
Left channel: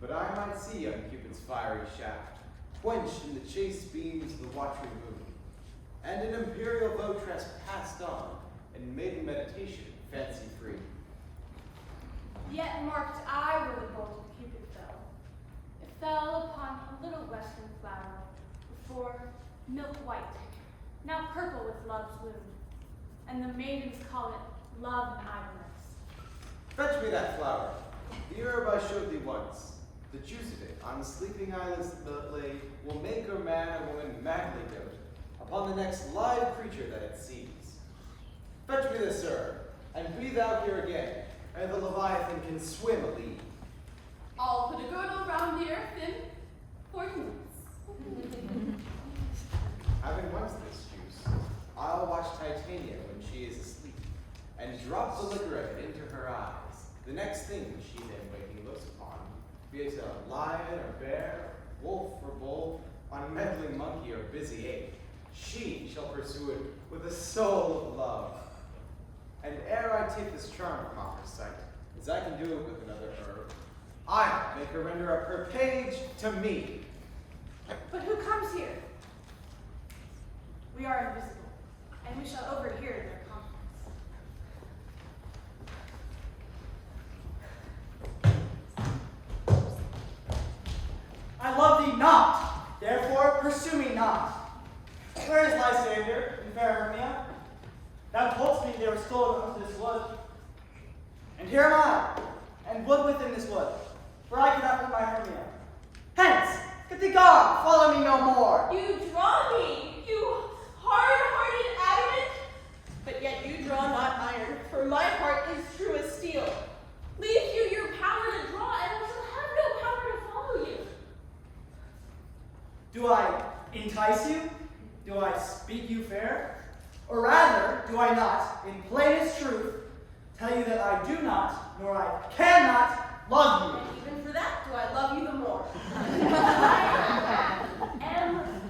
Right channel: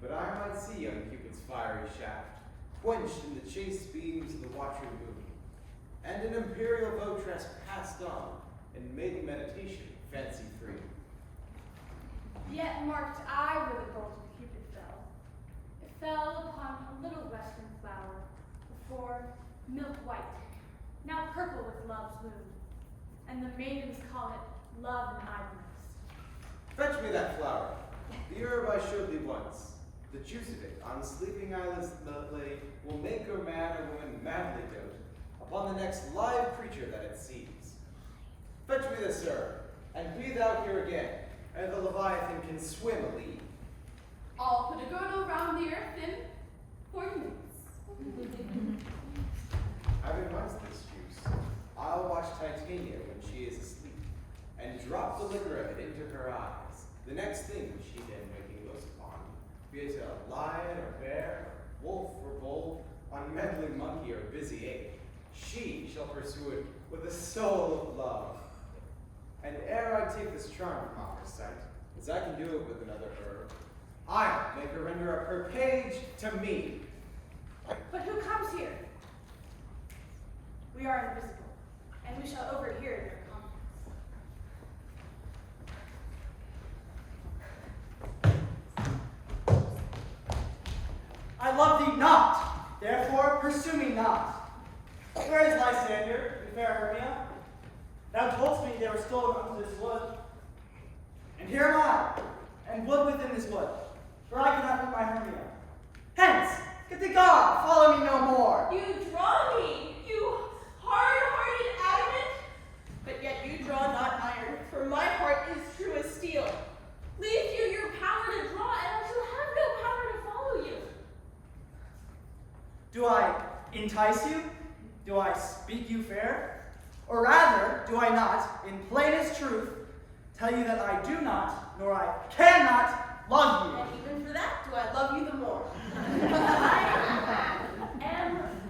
But I might see young Cupid's fiery shaft, quenched in the chaste beams of the watery moon, and an imperial votress passed on in maiden meditation, fancy free. Yet marked I where the bolt of Cupid fell. It fell upon a little western flower, before milk white, now purple with love's bloom, and the maidens call it love and idleness. Fetch me that flower, the herb I showed thee once. The juice of it, on the sleeping eyelids lay, will make a man or woman madly dote upon the next live creature that it sees. Fetch me this herb, and be thou here again, ere the Leviathan can swim a league. I'll put a girdle round the earth in 40 minutes. Having once this juice, I'll watch Titania when she is asleep, and drop the liquor of it into her eyes. The next thing she then waking looks upon, be it a lion or bear, wolf or bull, unmeddling monkey or busy ape, She shall pursue it with a soul of love. And ere I take this charm from off her sight, as I can do it with another herb, I'll make her render up her page to me. But who comes here? We are invisible, and we shall overhear their conference. I love thee not, therefore pursue me not. Where is Lysander and fair Hermia? Thou toldst me they were stolen unto this wood. And here am I, and wood within this wood, for I cannot put my Hermia. Hence, get thee gone, follow me no more. You draw me, you hard-hearted adamant, but yet you draw not iron, for my heart is true as steel. Leave you your power to draw, and I shall have no power to follow you. Do I entice you? Do I speak you fair? Or rather, do I not, in plainest truth, tell you that I do not, nor I cannot love you? And even for that, do I love you the more? I am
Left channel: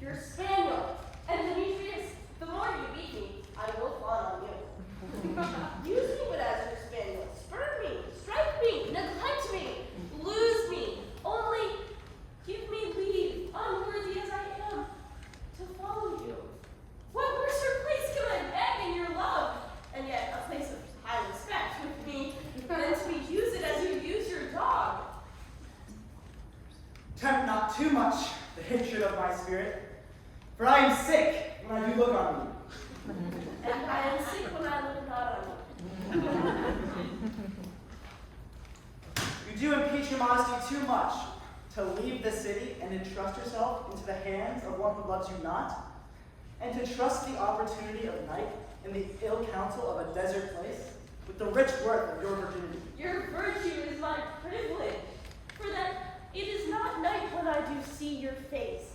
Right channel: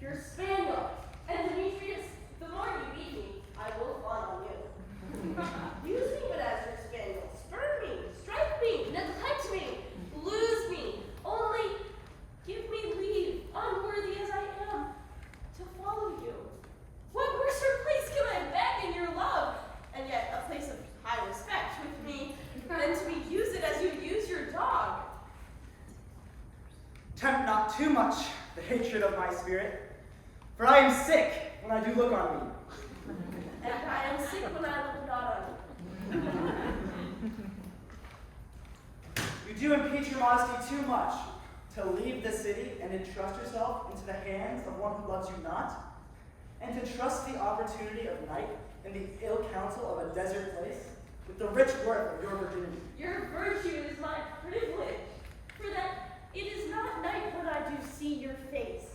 your spaniel, and Demetrius, the more you beat me, I will fawn on you. Use me but as your spaniel, spurn me, strike me, neglect me, lose me, only give me leave, unworthy as I am, to follow you. What worser place can I beg in your love, and yet a place of high respect with me, than to be used as you use your dog? Tempt not too much the hatred of my spirit, for I am sick when I do look on me. And I am sick when I look not on you. You do impeach your modesty too much to leave the city and entrust yourself into the hands of one who loves you not, and to trust the opportunity of night and the ill counsel of a desert place with the rich worth of your virginity. Your virtue is my privilege, for that it is not night when I do see your face.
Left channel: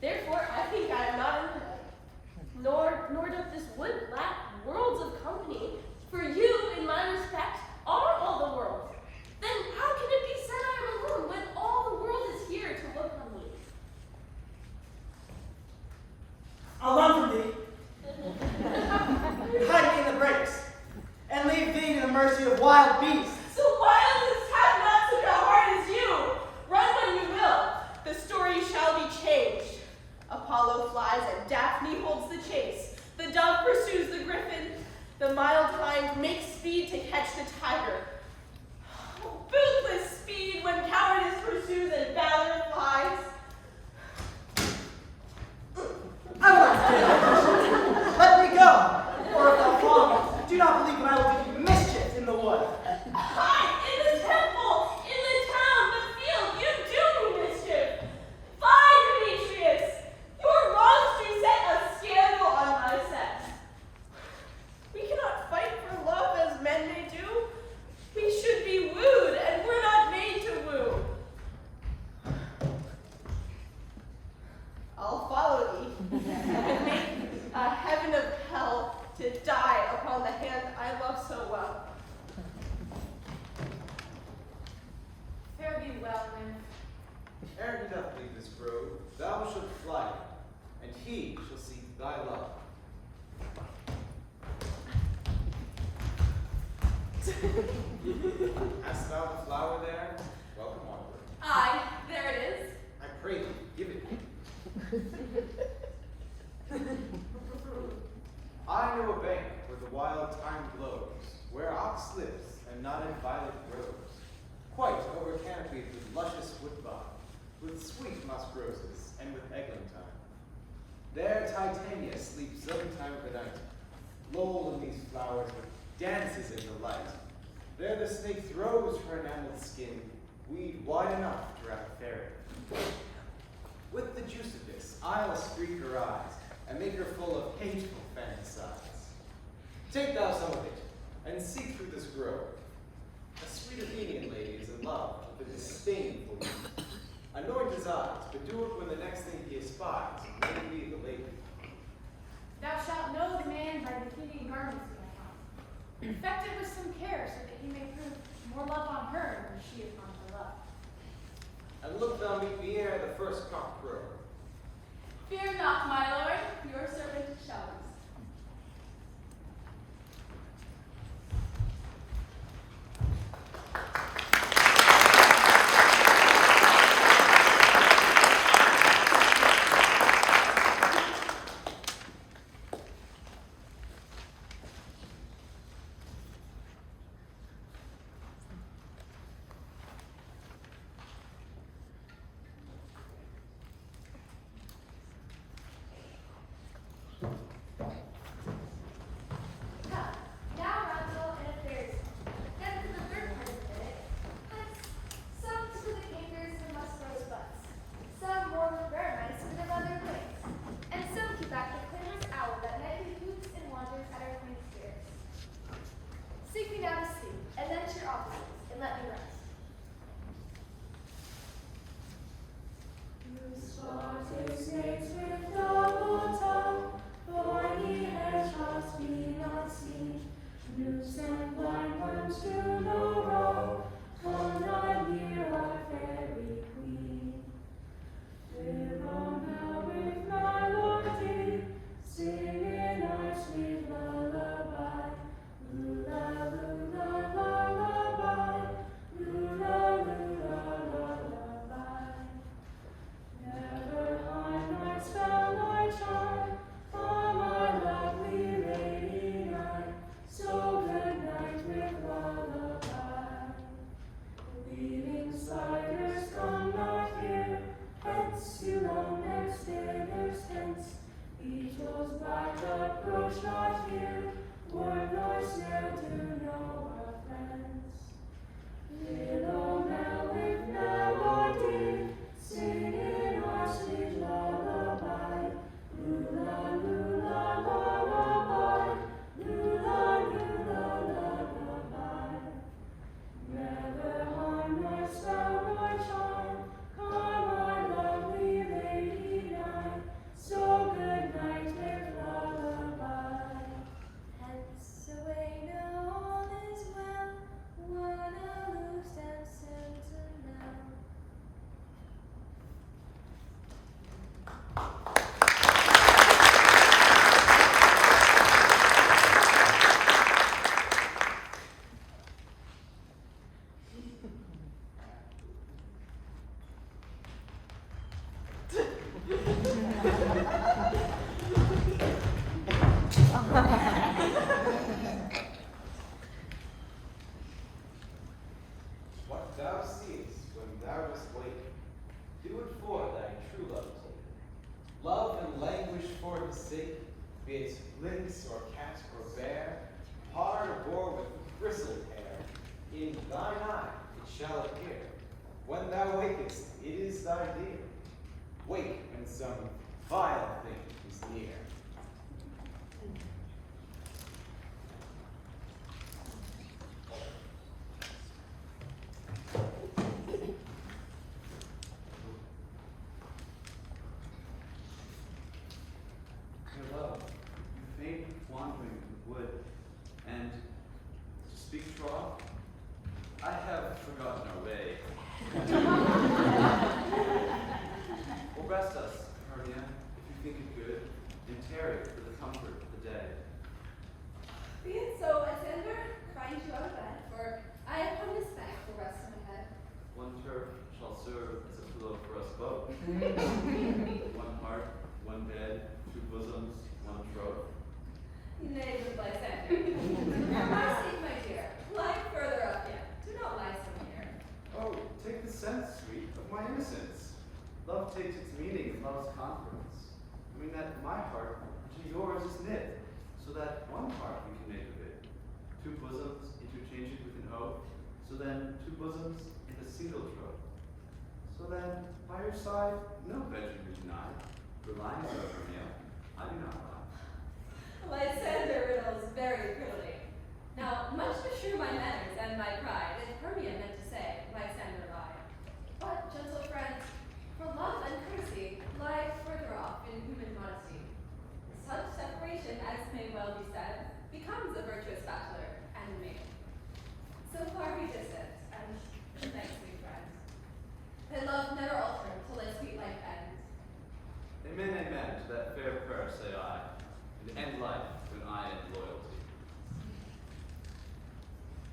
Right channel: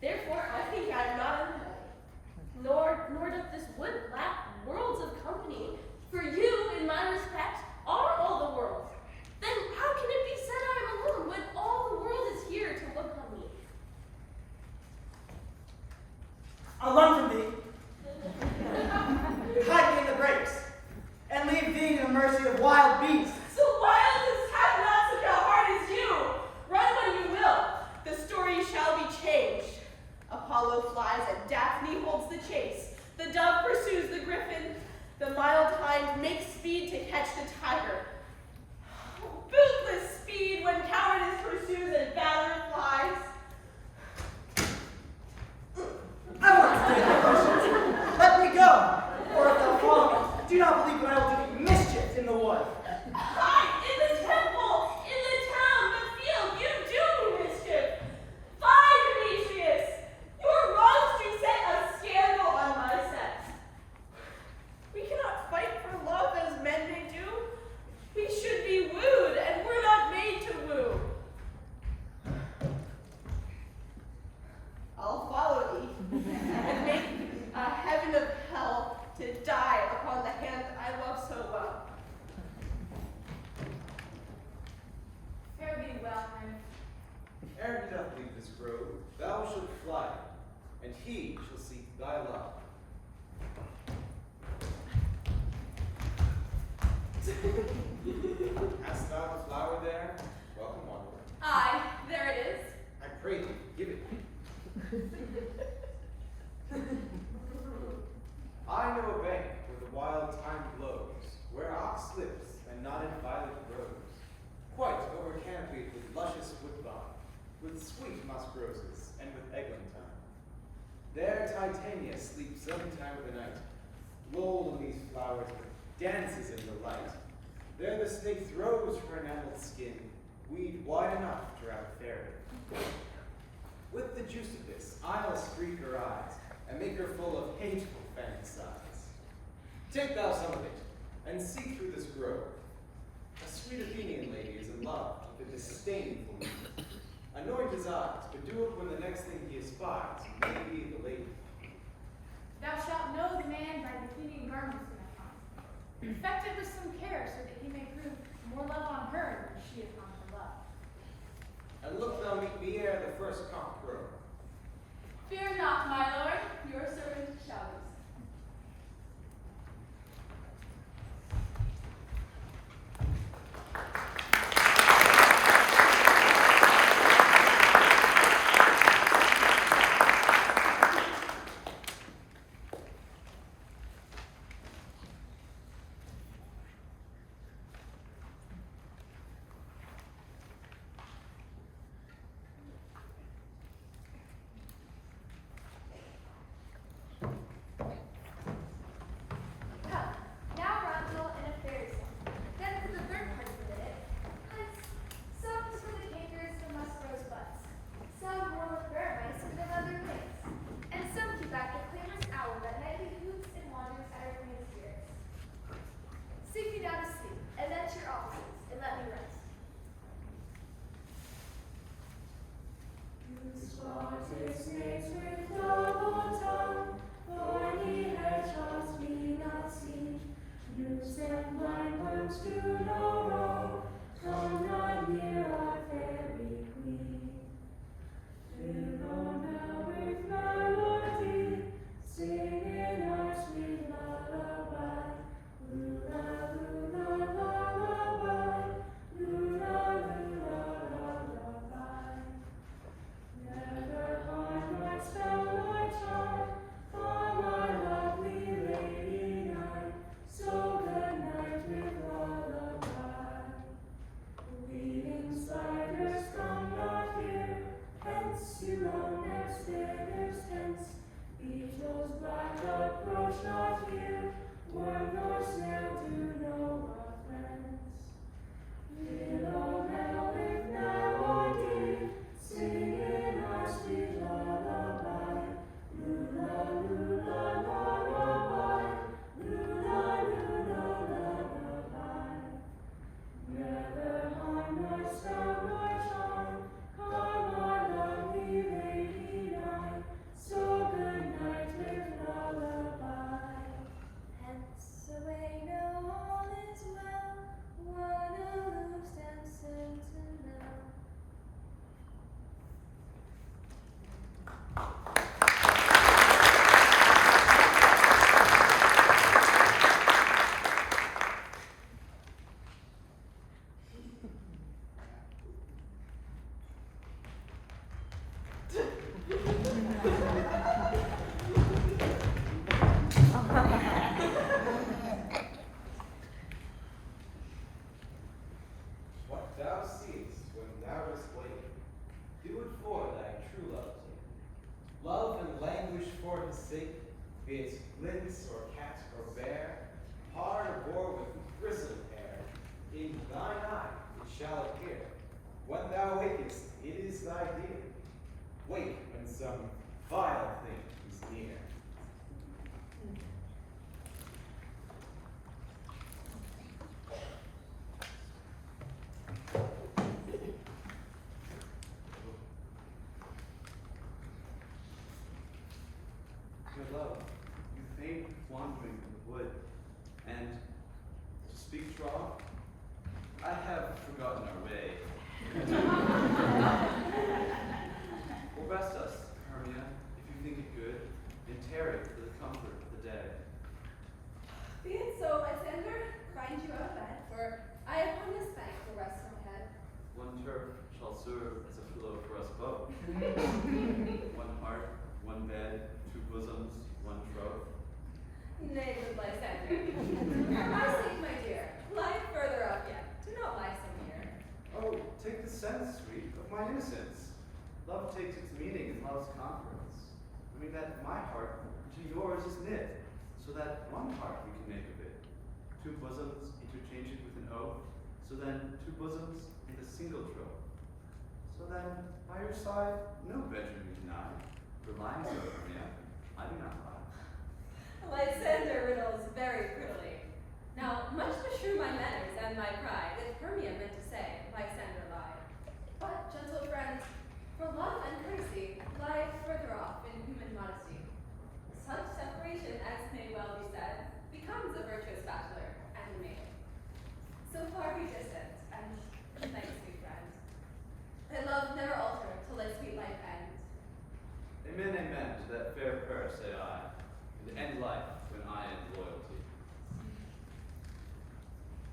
Therefore, I think I am not in the night, nor doth this wood lack worlds of company, for you, in my respect, are all the world. Then how can it be said I am alone when all the world is here to look on me? I'll run from thee, hide me in the brakes, and leave thee to the mercy of wild beasts. So wildest have not such a heart as you. Run when you will, the story shall be changed. Apollo flies and Daphne holds the chase. The dove pursues the griffin. The mild hind makes speed to catch the tiger. Oh, bootless speed when cowardice pursues and valor flies. I will not take it. Let me go, or if thou follow me, do not believe that I will do mischief in the wood. Hide in the temple, in the town, the field, you do me mischief. Fie, Demetrius! Your wrongs do set a scandal on my sex. We cannot fight for love as men may do. We should be wooed, and we're not made to woo. I'll follow thee, and make a heaven of hell to die upon the hand I love so well. Fare thee well, then. Ere he doth leave this grove, thou shalt fly, and he shall seek thy love. Hast thou the flower there? Welcome, wanderer. Aye, there it is. I pray thee, give it me. I know a bank where the wild thyme blows, where ox lives and nodded violet grows, quite over canopied with luscious woodbine, with sweet musk roses, and with eglantine. There Titania sleeps sometime of the night, lulled in these flowers with dances in delight. There the snake throws her enameled skin, weed wide enough to wrap a fairy. With the juice of this, I'll streak her eyes, and make her full of hateful fantasies. Take thou some of it, and see through this grove. A sweet Athenian lady is in love with a disdainful youth. Anoint his eyes, but do it when the next thing he espies may be the lady. Thou shalt know the man by the Athenian garments that I find. Infect it with some care, so that he may prove more love on her than she upon her love. And look thou meet me ere the first cock crow. Fear not, my lord, your servant shall be. Now Ronto and a fairy song. Then for the third part of the minute, hence, some is for the capers who must roast butts, some more with mice for their leather wings, and some keep back the clamorous owl that nightly hoots and wanders at our queen's ears. Sink me down to sleep, and then to your offices, and let me rest. Spotted snakes with double tongue, thorny hairs must be not seen. Noose and blind worms do no wrong, come not near our fairy queen. Fill now with melody, singing our sweet lullaby. Lula, lula, lullaby, lula, lula, lullaby. Never harm nor spell nor charm from our lovely lady night. So good night with lullaby. Weaving spiders come not here, hence you long-necked beggars hence. Each those black approach not here, word nor snare do know our friends. Fill now with melody, singing our sweet lullaby. Lula, lula, lullaby, lula, lula, lullaby. Never harm nor spell nor charm, come our lovely lady night. So good night with lullaby. Hence away now all is well, one aloof and sentinel. What thou seest when thou dost wake, do it for thy true love's sake. Love and languish for his sake, be it lynx or cat or bear, hard or boar with bristled hair, in thine eye it shall appear. When thou wakest, it is thy dear. Wake when some vile thing is near. Dear love, you faint with wandering in the wood, and to speak troth, I have forgotten our way. Or rest us, Hermia, if you think it good, and tarry for the comfort of the day. Be it so, Lysander, find you out of bed, for I upon this bank will rest my head. One turf shall serve as a pillow for us both. One heart, one bed, two bosoms, one troth. Nay, good Lysander. For my sake, my dear, lie further up yet. Do not lie so near. Oh, take the sense, sweet, of my innocence. Love takes its meaning in love's conference. I mean that my heart to yours is knit, so that one heart we can make of it. Two bosoms interchanged with an oath, so then two bosoms and a single troth. So then, by your side, no bedroom you deny. Relying so, Hermia, I do not lie. Lysander riddles very prettily. Now, much to shrew my manners and my pride, as Hermia meant to say, Lysander lied. But, gentle friends, for love and courtesy lie further off in human modesty. Such separation, as may well be said, becomes a virtuous bachelor and a maid. So far be distant, and good night, sweet friend. Let love never alter till its sweet life ends. Amen, amen.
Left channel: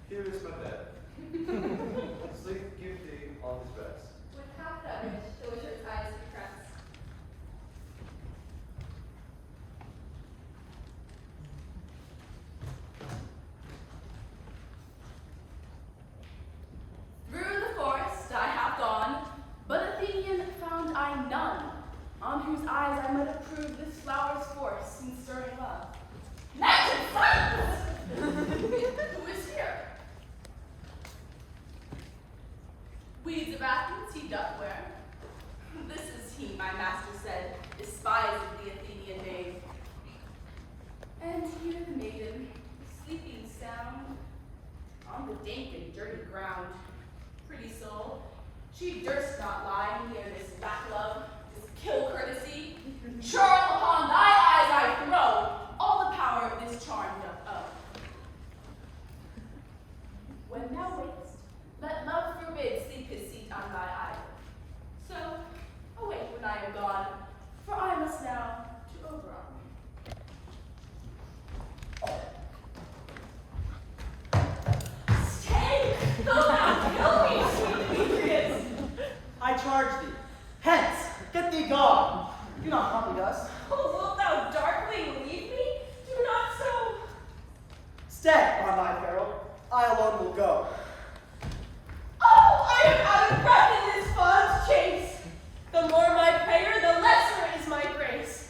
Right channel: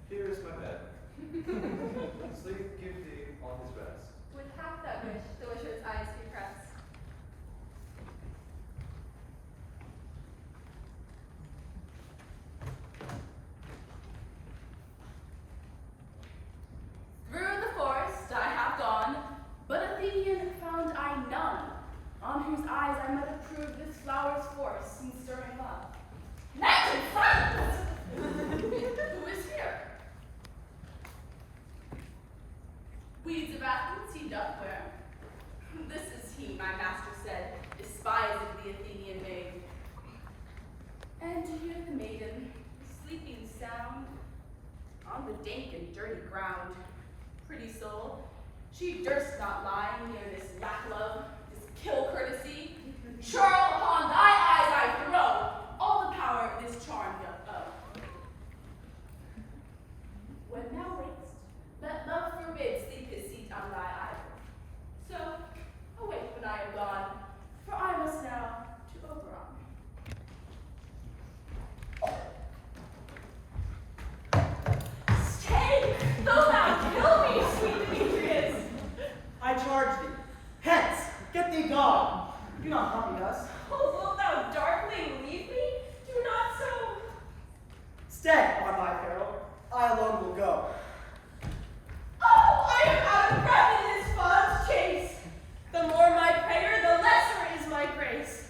Here is my bed. Sleep give thee all his rest. With half that wish, the wisher's eyes repress. Through the forest I have gone, but Athenian found I none, on whose eyes I might approve this flower's force in stirring love. Knight in silence! Who is here? Weeds of Athens he doth wear. This is he, my master said, despising the Athenian maid. And you, the maiden, sleeping sound, on the dank and dirty ground. Pretty soul, she durst not lie near this lack love, this kill courtesy. Churl upon thy eyes I throw, all the power of this charm doth owe. When thou wakest, let love forbid sleep his seat on thy isle. So, awake when I am gone, for I must now to Oberon. Stay! Though thou kill me, sweet Demetrius! I charge thee. Hence, get thee gone. Do not copy us. Oh, wilt thou darkly leave me? Do not so. Stay on thy peril. I alone will go. Oh, I am out of breath in this fond chase. The more my prayer, the lesser is my grace.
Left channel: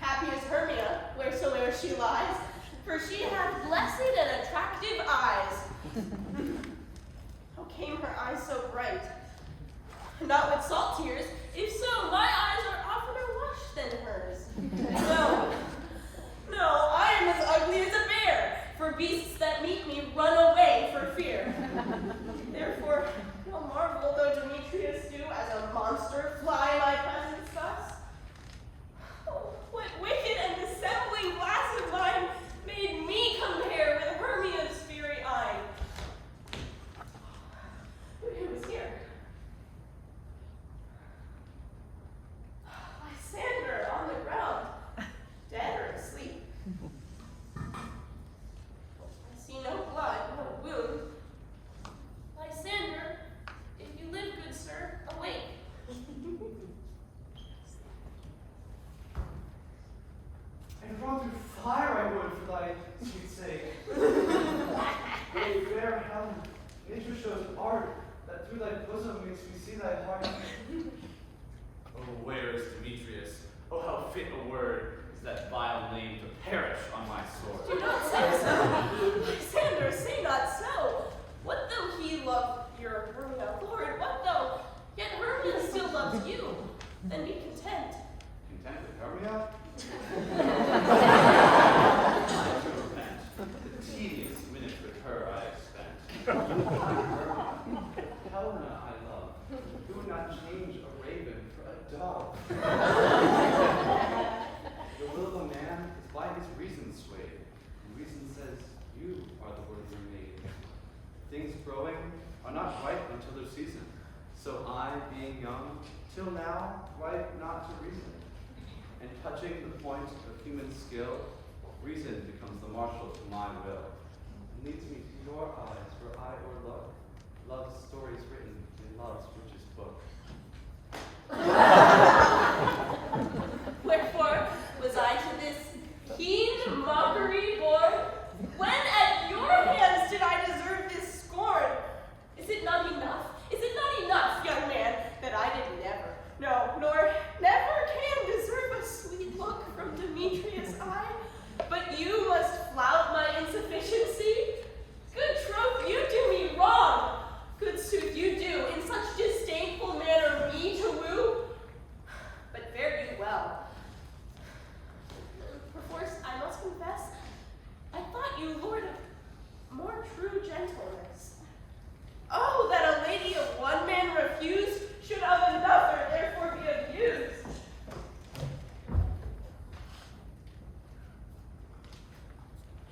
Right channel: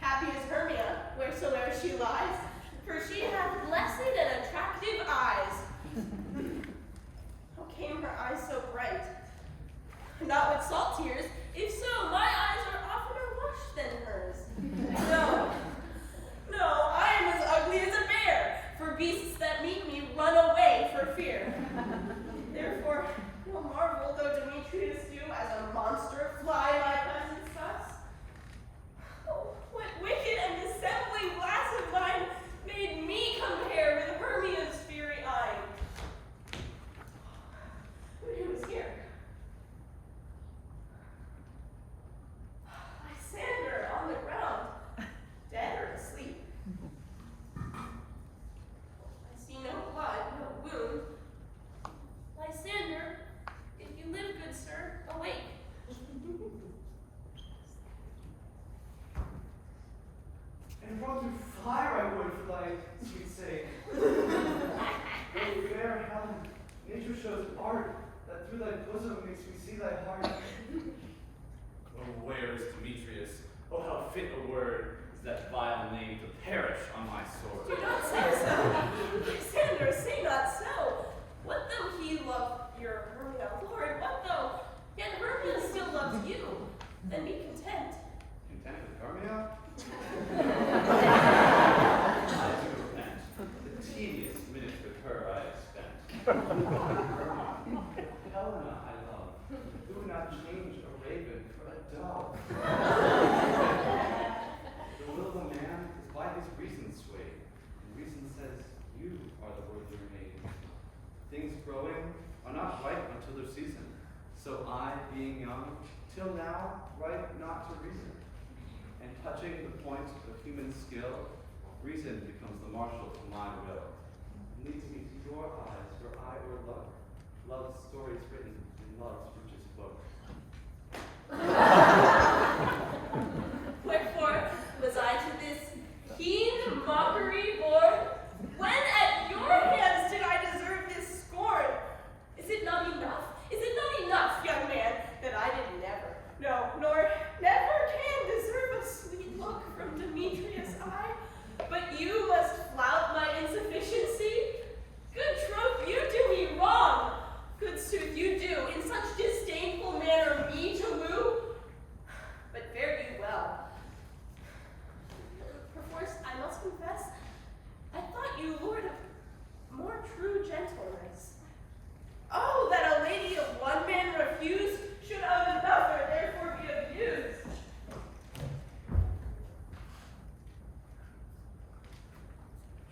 Happy is Hermia, wheresoe'er she lies, for she hath blessed and attractive eyes. How came her eyes so bright? Not with salt tears. If so, my eyes are oftener washed than hers. No, I am as ugly as a bear, for beasts that meet me run away for fear. Therefore, no marvel though Demetrius do as a monster fly my presence thus. Oh, what wicked and dissembling glass of mine made me compare with Hermia's fiery eye. But who is here? Lysander on the ground, dead or asleep. I see no blood, no wound. Lysander, if you live, good sir, awake. And run through fire I would for thy sweet sake. O fair Helen, nature shows art that through thy bosom makes me see thy heart. Oh, where is Demetrius? Oh, how fit a word is that vile name to perish on my sword. Do not say so. Lysander, say not so. What though he love your Hermia, Lord? What though yet Hermia still loves you? Then be content. Content with Hermia? I do repent. The tedious minutes with her I have spent. Helena I love, who would not change a raven for a dove. The will of a man is by his reason swayed, and reason says you are the worthier maid. Things growing are not ripe until their season, so I, being young, till now ripe not to reason. And touching the point of human skill, reason becomes the marshal to my will, and leads me to your eyes where I o'erlook love's stories written in love's richest book. Wherefore was I to this keen mockery born? When at your hands did I deserve this scorn? Is it not enough? Is it not enough, young man, that I did never, no, nor never can deserve a sweet look from Demetrius' eye? But you must flout my insufficiency? Good troth, you do me wrong. Good sooth, you do, in such disdainful manner me to woo. But fare you well. Perforce, I must confess, I thought you lord of more true gentleness. Oh, that a lady of one man refused should of another therefore be abused.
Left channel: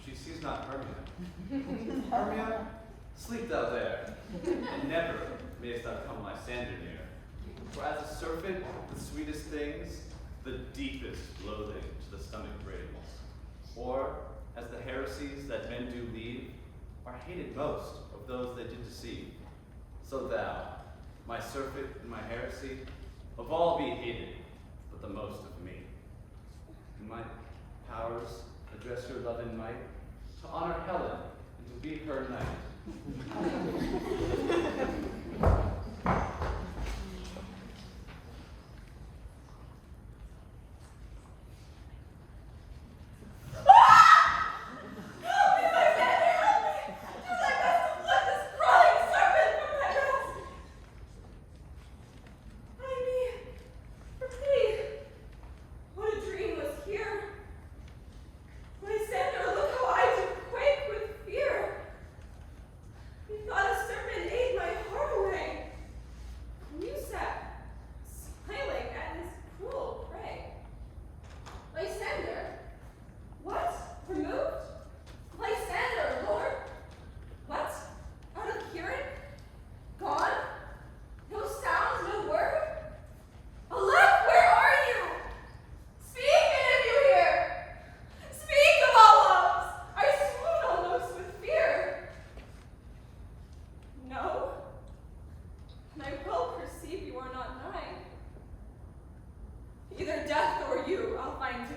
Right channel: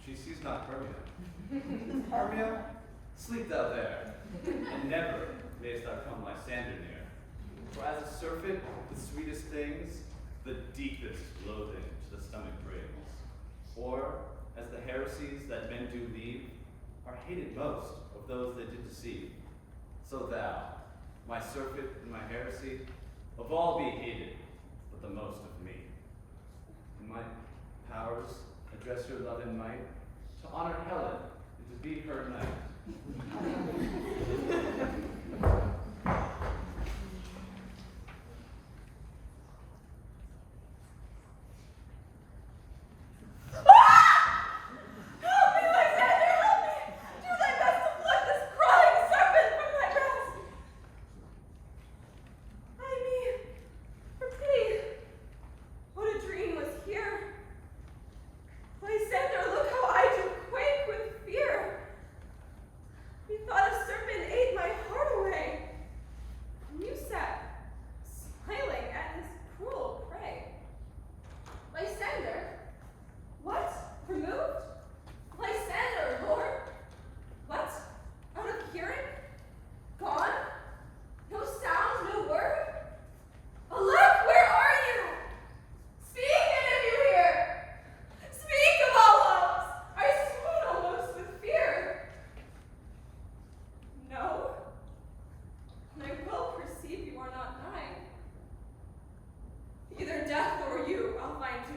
She sees not Hermia. Hermia, sleep thou there, and never mayest thou come Lysander near. For as a surfeit, the sweetest things, the deepest loathing to the stomach brings. Or, as the heresies that men do leave, are hated most of those they did deceive. So thou, my surfeit and my heresy, of all be hated, but the most of me. In my powers, address your love in might, to honor Helen, and to be her knight. Either death or you, I'll find to